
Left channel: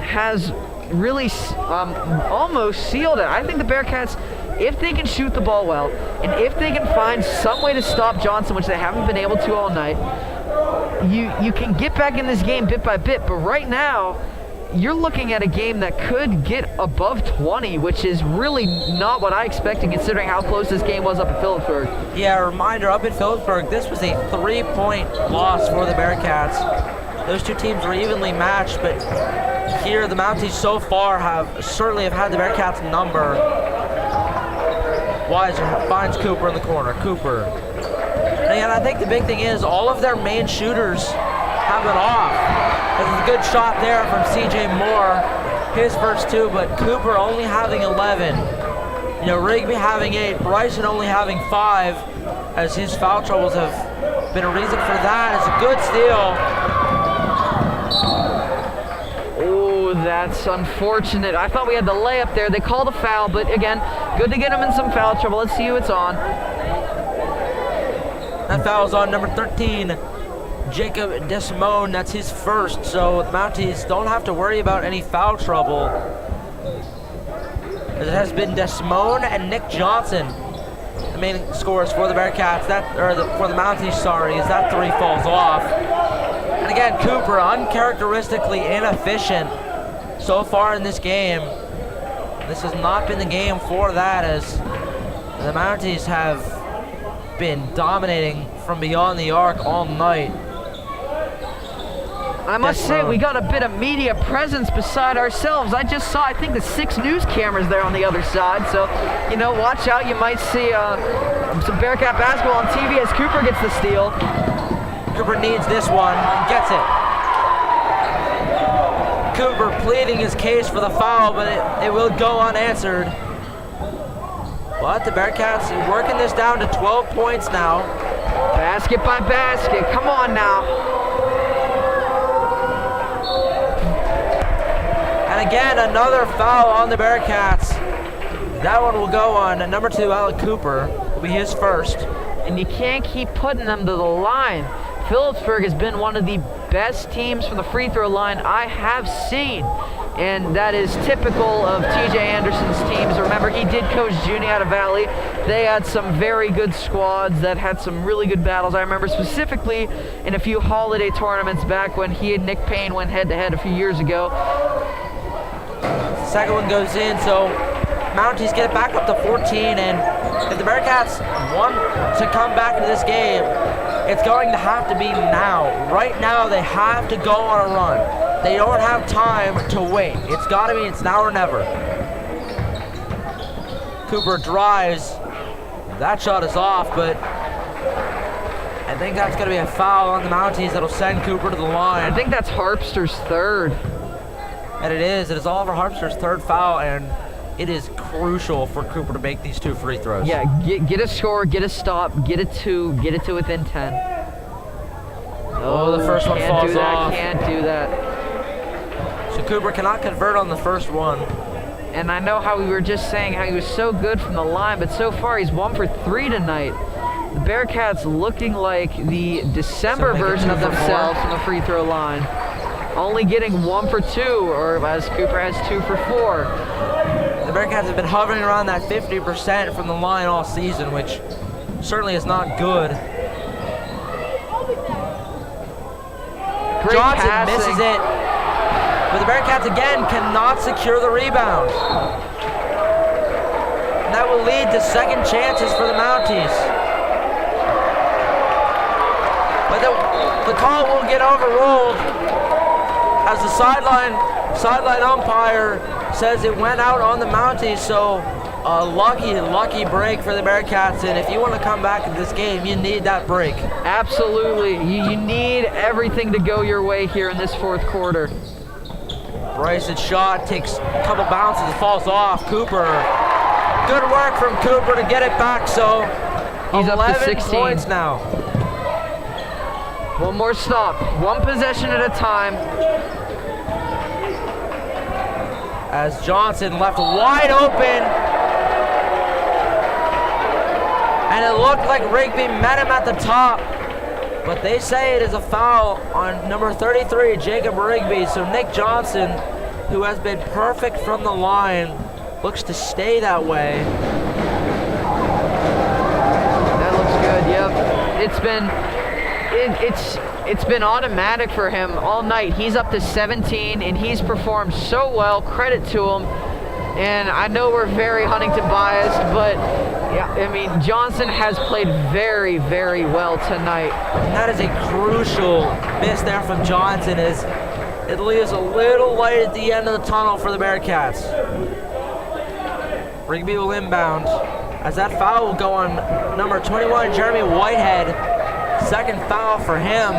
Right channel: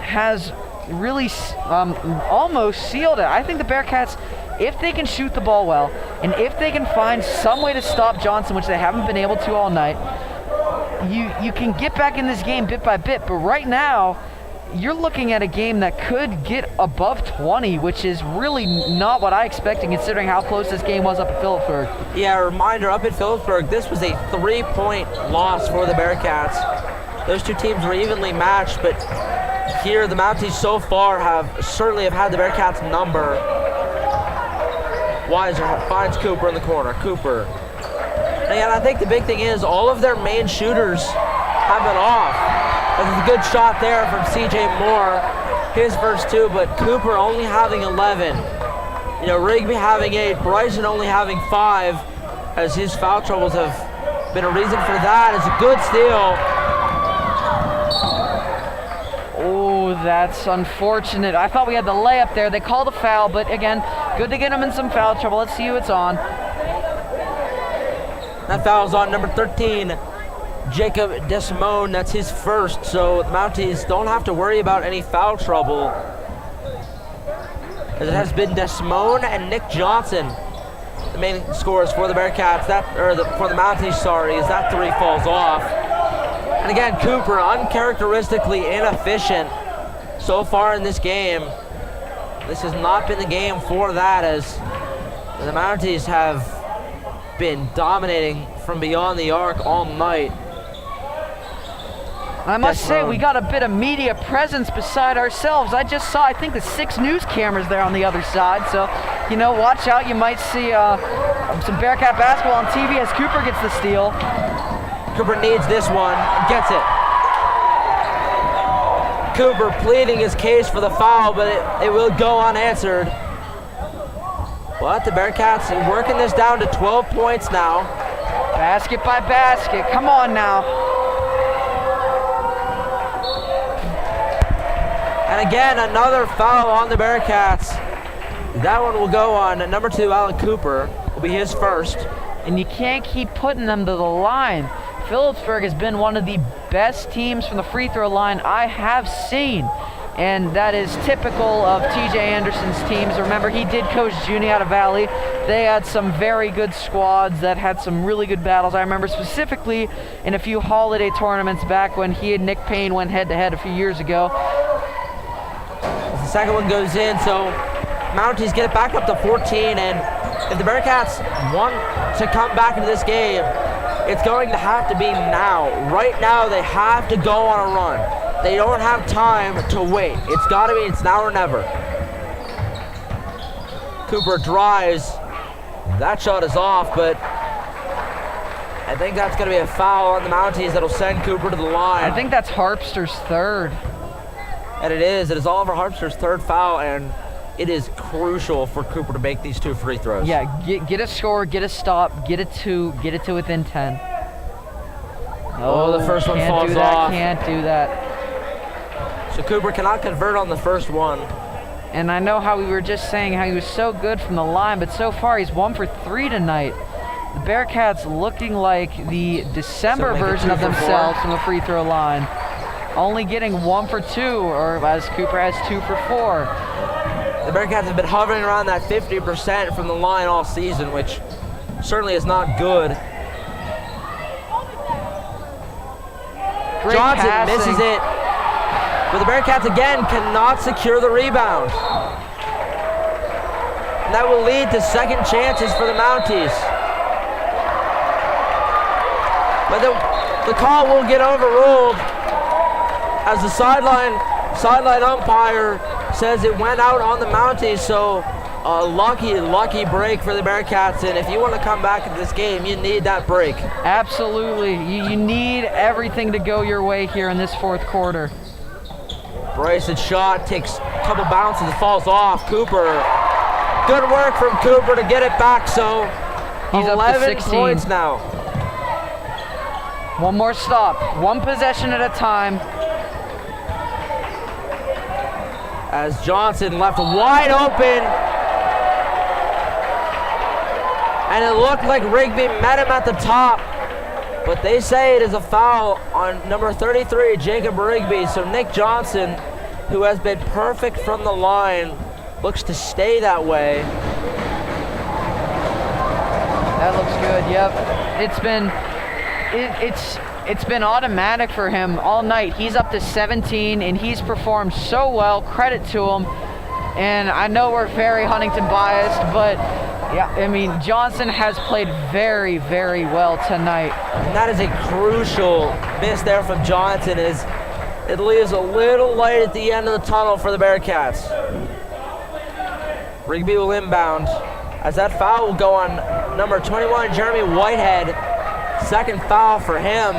has really almost sealed it. I think the Bearcats, if they can shoot the ball well, and if they can find some way to stop Johnson, which they haven't been able to all night, you can get back in this game bit by bit. But right now, you're looking at a game that could get above 20, which is really not what I expected considering how close this game was up at Philipsburg. Yeah, a reminder, up at Philipsburg, this was a 3-point loss for the Bearcats. Those two teams were evenly matched, but here the Mounties so far certainly have had the Bearcats' number. Weiser finds Cooper in the corner. Cooper. And I think the big thing is all of their main shooters have been off. There's a good shot there from CJ Moore, his first 2, but Cooper only having 11. You know, Rigby having 8, Bryson only having 5, as his foul troubles have been a reason for that. It's a good steal. Oh, that's unfortunate. I thought we had the layup there. They called a foul, but again, good to get him in some foul trouble. Let's see who it's on. That foul's on number 13, Jacob DeSimone. That's his first, so the Mounties don't have to worry about any foul trouble, as it has been DeSimone and Nick Johnson, the main scorers for the Bearcats. For the Mounties, sorry, as that 3 falls off. And again, Cooper, uncharacteristically inefficient so far in this game. This has not been the game for that, as the Mounties have been dominating from beyond the arc all night. I must say, we got a bit of media presence beside ourselves. I just saw, I think, the 6 news cameras there on the other side. So, you know, watch out. You might see some Bearcat basketball on TV as Cooper gets the steal. Cooper needs this one and gets it. Cooper pleading his case for the foul, but it will go unanswered. But the Bearcats working this down to 12 points now. Basket by basket. Come on now. And again, another foul on the Bearcats. That one will go on number 2, Alec Cooper. Will be his first. And you can't keep putting them to the line. Philipsburg has been one of the best teams from the free throw line I have seen. And that is typical of TJ Anderson's teams. Remember, he did coach Junie out of Valley. They had some very good squads that had some really good battles. I remember specifically in a few holiday tournaments back when he and Nick Payne went head-to-head a few years ago. The second one goes in, so Mounties get it back up to 14. And if the Bearcats want to come back into this game, it's going to have to be now. Right now, they have to go on a run. They don't have time to wait. It's now or never. Cooper drives. That shot is off, but I think that's going to be a foul on the Mounties that'll send Cooper to the line. I think that's Harpster's 3rd. And it is. It is Oliver Harpster's 3rd foul, and it is crucial for Cooper to make these 2 free throws. Yeah, get a score, get a stop, get it to within 10. Oh, the first one falls off. Can't do that. So Cooper cannot convert on the first one. And I know how we were just saying how he was so good from the line, but so far he's 1 for 3 tonight. The Bearcats looking like the December version of themselves from the free throw line. Only getting 1 for 2, or as Cooper has 2 for 4. The Bearcats have been hovering around that 50% from the line all season, which certainly is not good. Great Johnson passing. misses it, but the Bearcats again cannot secure the rebound. And that will lead to second chances for the Mounties. But the call will get overruled as the sideline umpire says it went out on the Mounties, so a lucky break for the Bearcats, and if you want to come back in this game, you need that break. Absolutely. You need everything to go your way here in this fourth quarter. Bryson's shot takes a couple bounces and falls off. Cooper, good work from Cooper to get it back, so he's 11 up to 16 points now. One more stop, one possession at a time. As Johnson left wide open, and it looked like Rigby met him at the top, but they say it is a foul on number 33, Jacob Rigby. So Nick Johnson, who has been perfect from the line, looks to stay that way. That looks good. Yep, it's been automatic for him all night. He's up to 17, and he's performed so well. Credit to him. And I know we're very Huntington biased, but yeah, I mean, Johnson has played very, very well tonight. And that is a crucial miss there from Johnson, as it leaves a little light at the end of the tunnel for the Bearcats. Rigby will inbound, as that foul will go on number 21, Jeremy Whitehead. Second foul for him.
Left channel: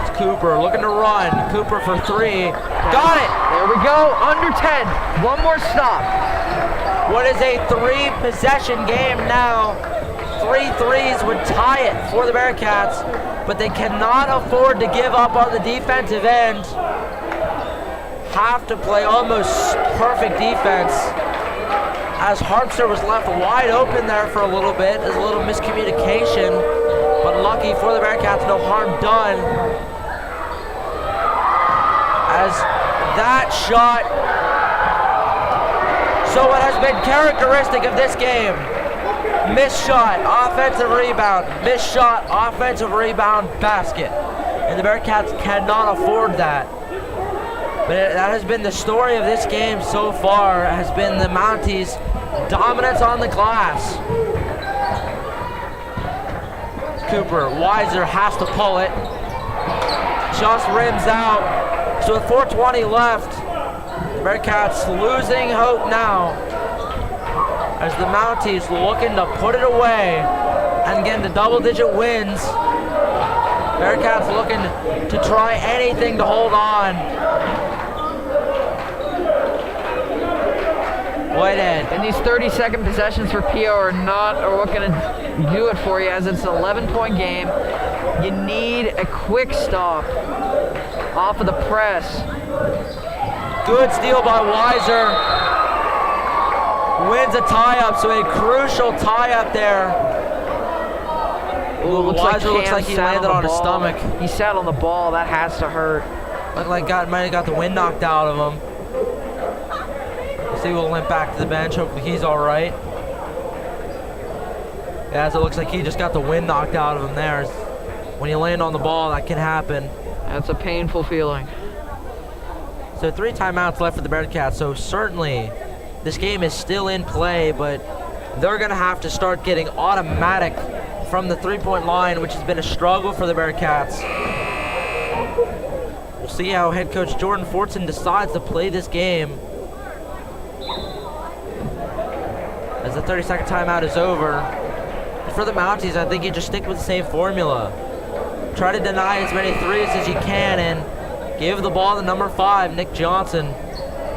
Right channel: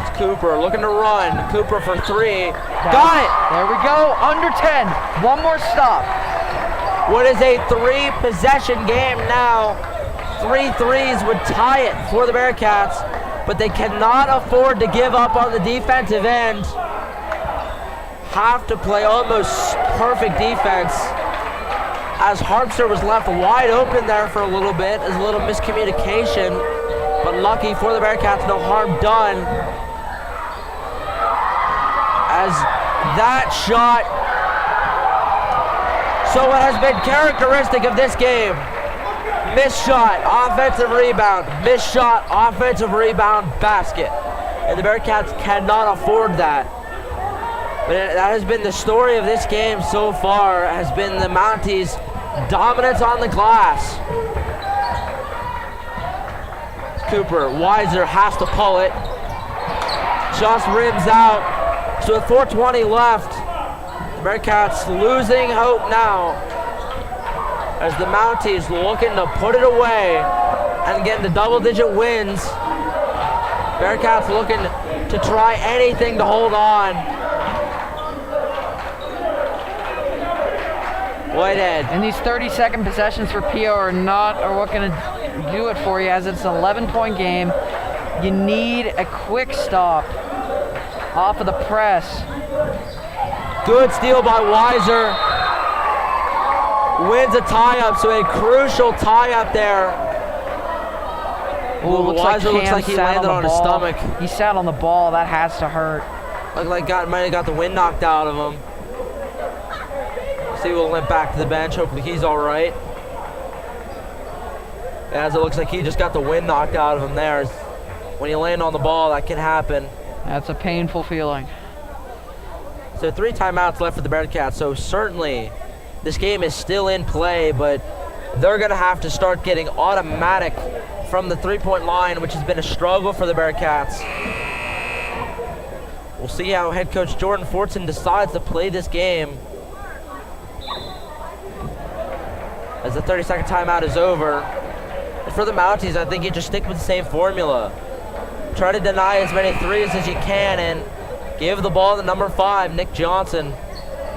It's Cooper looking to run. Cooper for three. Got it! There we go, under 10. One more stop. What is a three-possession game now? 3 threes would tie it for the Bearcats, but they cannot afford to give up on the defensive end. Have to play almost perfect defense, as Harpster was left wide open there for a little bit, as a little miscommunication, but lucky for the Bearcats, no harm done. As that shot, so what has been characteristic of this game, missed shot, offensive rebound, missed shot, offensive rebound, basket. And the Bearcats cannot afford that. But that has been the story of this game so far, has been the Mounties' dominance on the glass. Cooper, Weiser has to pull it. Just rims out. So with 4:20 left, the Bearcats losing hope now, as the Mounties looking to put it away and get into double-digit wins. Bearcats looking to try anything to hold on. Whitehead. And these 30-second possessions for PO are what going to do it for you, as it's an 11-point game. You need a quick stop off of the press. Good steal by Weiser. Wins a tie-up, so a crucial tie-up there. Ooh, Weiser looks like he landed on his stomach. He sat on the ball. That has to hurt. Looked like might have got the wind knocked out of him. See, we'll limp back to the bench. Hopefully he's all right. As it looks like he just got the wind knocked out of him there. When you land on the ball, that can happen. That's a painful feeling. So 3 timeouts left for the Bearcats. So certainly this game is still in play, but they're going to have to start getting automatic from the three-point line, which has been a struggle for the Bearcats. We'll see how head coach Jordan Fortson decides to play this game. As the 30-second timeout is over. And for the Mounties, I think you just stick with the same formula. Try to deny as many threes as you can and give the ball to number 5, Nick Johnson.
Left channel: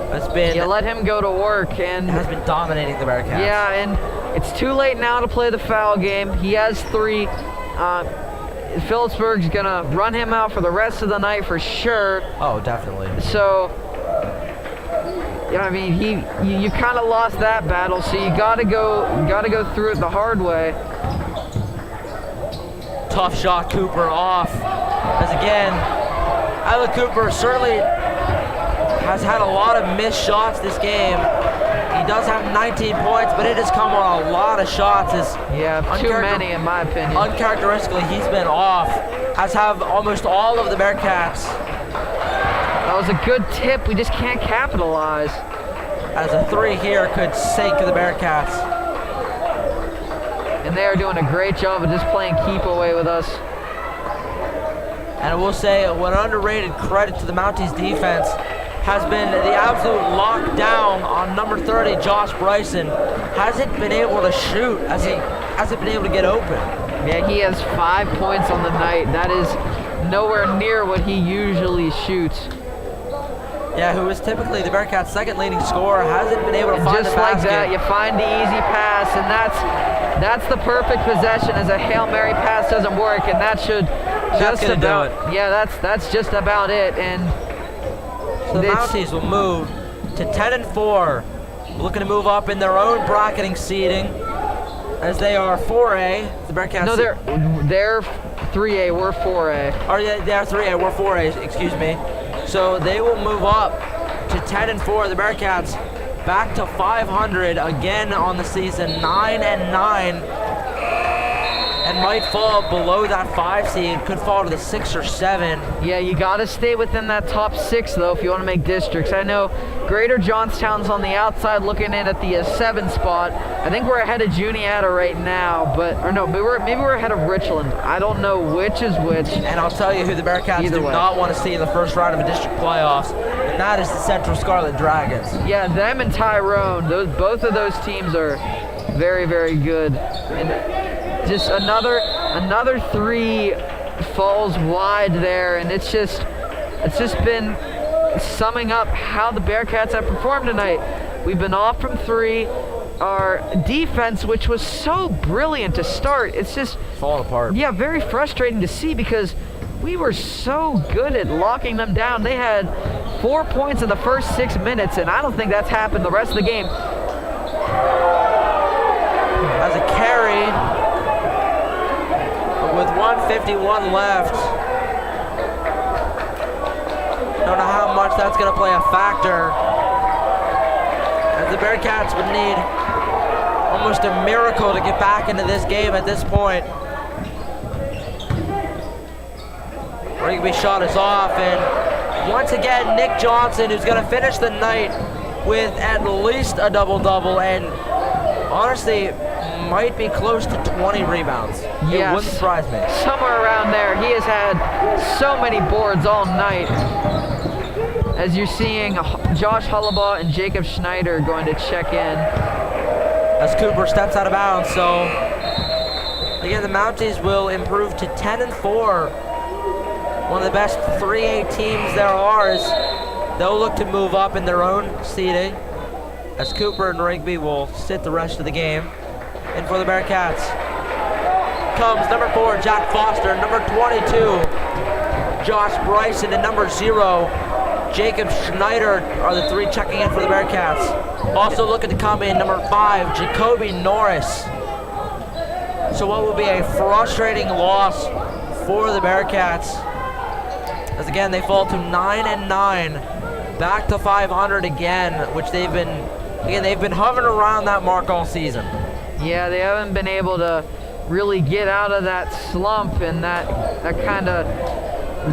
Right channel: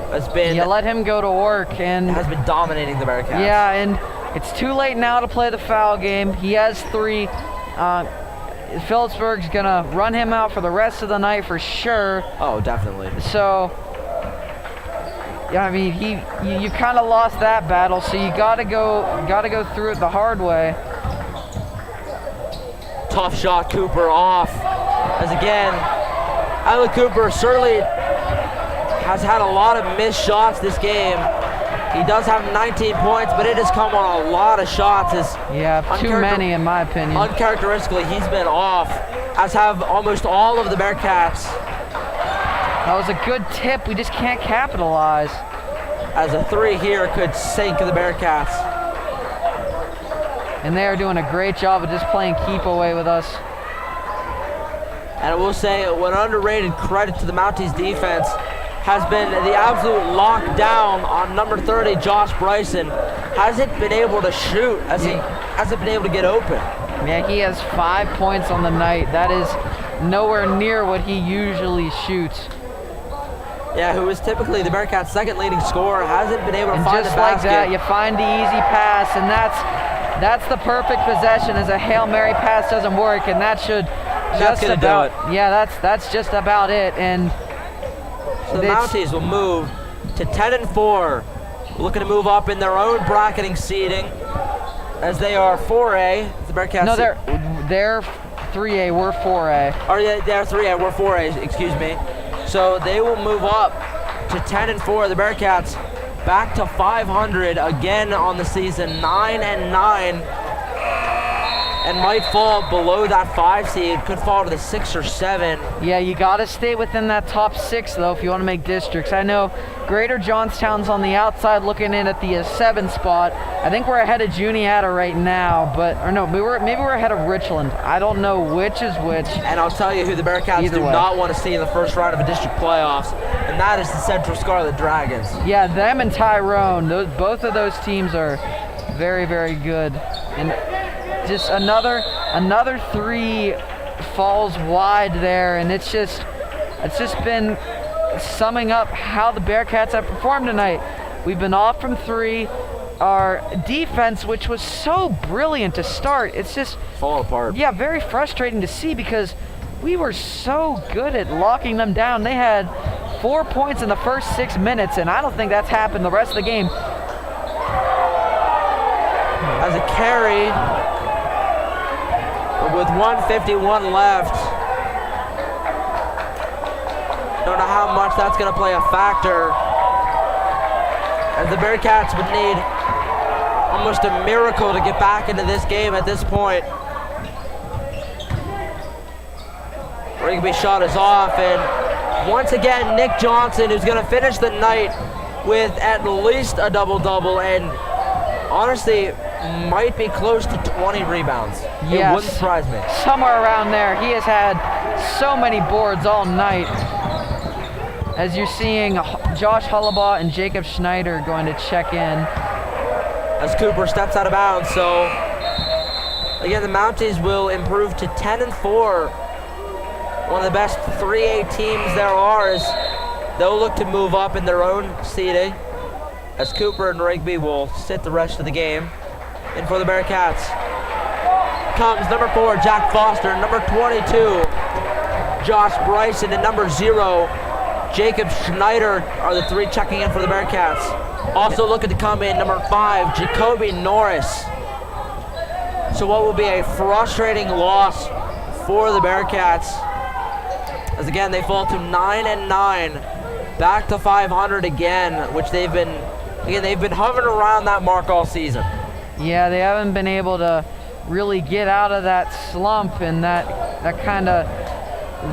Has let him go to work and has been dominating the Bearcats. Yeah, and it's too late now to play the foul game. He has 3. Philipsburg's gonna run him out for the rest of the night for sure. Oh, definitely. So, yeah, I mean, you kind of lost that battle, so you gotta go through it the hard way. Tough shot, Cooper off. As again, Alec Cooper certainly has had a lot of missed shots this game. He does have 19 points, but it has come on a lot of shots. Too many in my opinion. Uncharacteristically, he's been off, as have almost all of the Bearcats. That was a good tip. We just can't capitalize. As a 3 here could sink the Bearcats. And they are doing a great job of just playing keep away with us. And I will say, an underrated credit to the Mounties defense has been the absolute lockdown on number 30, Josh Bryson. Hasn't been able to shoot, hasn't been able to get open. Yeah, he has 5 points on the night. That is nowhere near what he usually shoots. Yeah, who is typically the Bearcats' second leading scorer, hasn't been able to find the just like basket. that, you find the easy pass, and that's the perfect possession. As a Hail Mary pass doesn't work, and that should That's gonna do it. Yeah, that's just about it. And so the Mounties will move to 10-4, looking to move up in their own bracketing seeding, as they are 4A. The Bearcats. No, they're 3A. We're 4A. Oh yeah, they're 3A. We're 4A. Excuse me. So they will move up to 10-4. The Bearcats back to 500 again on the season, 9-9, and might fall below that 5 seed. Could fall to the 6 or 7. Yeah, you got to stay within that top 6 though if you want to make districts. I know Greater Johnstown's on the outside looking in at the 7 spot. I think we're ahead of Juniata right now, maybe we're ahead of Richland. I don't know which is which. And I'll tell you who the Bearcats do not want to see in the first round of a district playoffs, and that is the Central Scarlet Dragons. Yeah, them and Tyrone. Both of those teams are very, very good. And just another 3 falls wide there, and it's just been summing up how the Bearcats have performed tonight. We've been off from 3. Our defense, which was so brilliant to start, it's just falling apart. Yeah, very frustrating to see because we were so good at locking them down. They had 4 points in the first 6 minutes, and I don't think that's happened the rest of the game. As a carry, with 1:51 left. Don't know how much that's going to play a factor, as the Bearcats would need almost a miracle to get back into this game at this point. Rigby shot is off, and once again, Nick Johnson, who's going to finish the night with at least a double-double, and honestly, might be close to 20 rebounds. It wouldn't surprise me. Somewhere around there. He has had so many boards all night. As you're seeing Josh Hullabaugh and Jacob Schneider going to check in. As Cooper steps out of bounds, so again, the Mounties will improve to 10-4. One of the best 3A teams there are, as they'll look to move up in their own seeding, as Cooper and Rigby will sit the rest of the game. And for the Bearcats comes number 4, Jack Foster, number 22, Josh Bryson, and number 0, Jacob Schneider are the 3 checking in for the Bearcats. Also looking to come in, number 5, Jacoby Norris. So what will be a frustrating loss for the Bearcats, as again they fall to 9-9, back to 500 again, which they've been hovering around that mark all season. Yeah, they haven't been able to really get out of that slump and that kind of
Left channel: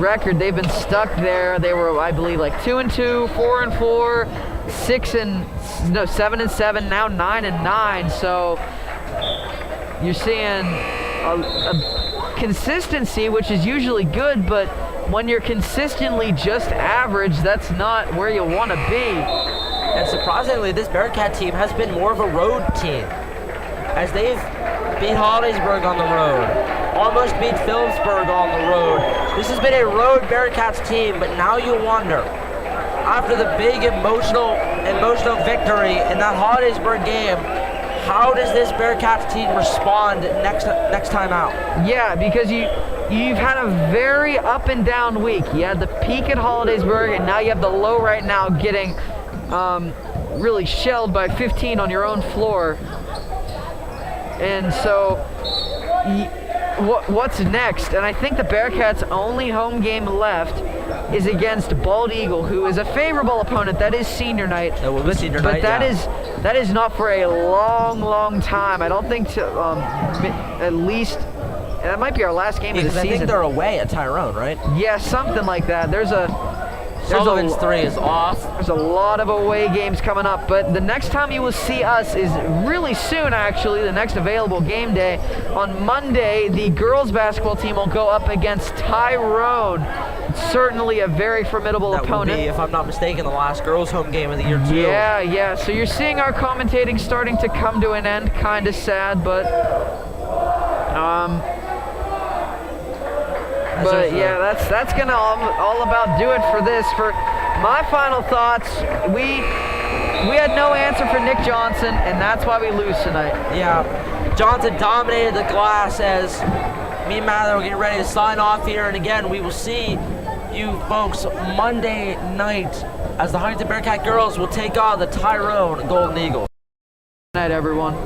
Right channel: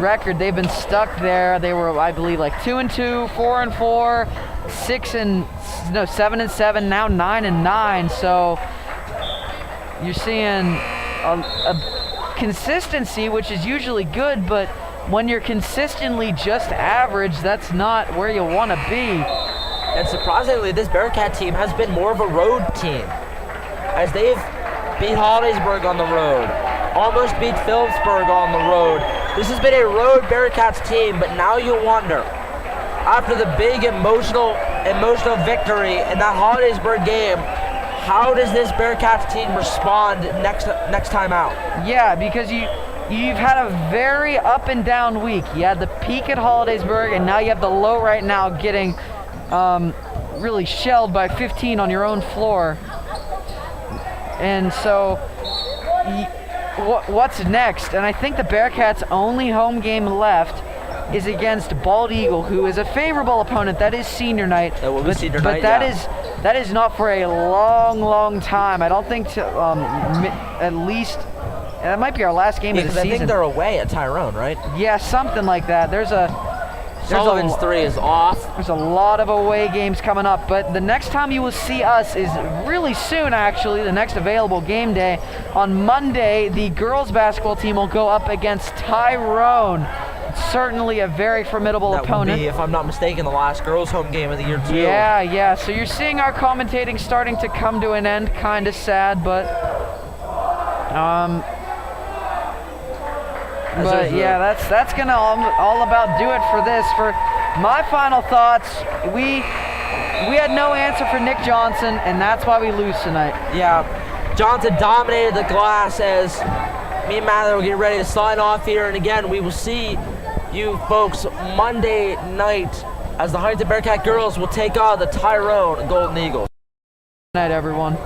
record. They've been stuck there. They were, I believe, like 2-2, 4-4, 7-7, now 9-9. So you're seeing a consistency, which is usually good, but when you're consistently just average, that's not where you want to be. And surprisingly, this Bearcat team has been more of a road team, as they've beat Hollidaysburg on the road, almost beat Philipsburg on the road. This has been a road Bearcats team, but now you wonder, after the big emotional victory in that Hollidaysburg game, how does this Bearcats team respond next time out? Yeah, because you've had a very up and down week. You had the peak at Hollidaysburg, and now you have the low right now, getting really shelled by 15 on your own floor. And so what's next? And I think the Bearcats' only home game left is against Bald Eagle, who is a favorable opponent. That is senior night. That will be senior night, but that is not for a long, long time. I don't think at least that might be our last game of the season. I think they're away at Tyrone, right? Yeah, something like that. Sullivan's 3 is off. There's a lot of away games coming up, but the next time you will see us is really soon, actually, the next available game day. On Monday, the girls basketball team will go up against Tyrone. certainly a very formidable That will opponent. be, if I'm not mistaken, the last girls' home game of the year too. Yeah. So you're seeing our commentating starting to come to an end. Kind of sad, but yeah, that's gonna all about do it for this. For my final thoughts, we had no answer for Nick Johnson, and that's why we lose tonight. Yeah, Johnson dominated the glass as me and Mather will get ready to sign off here. And again, we will see you folks Monday night as the Huntingdon Bearcat girls will take on the Tyrone Golden Eagles. Good night, everyone.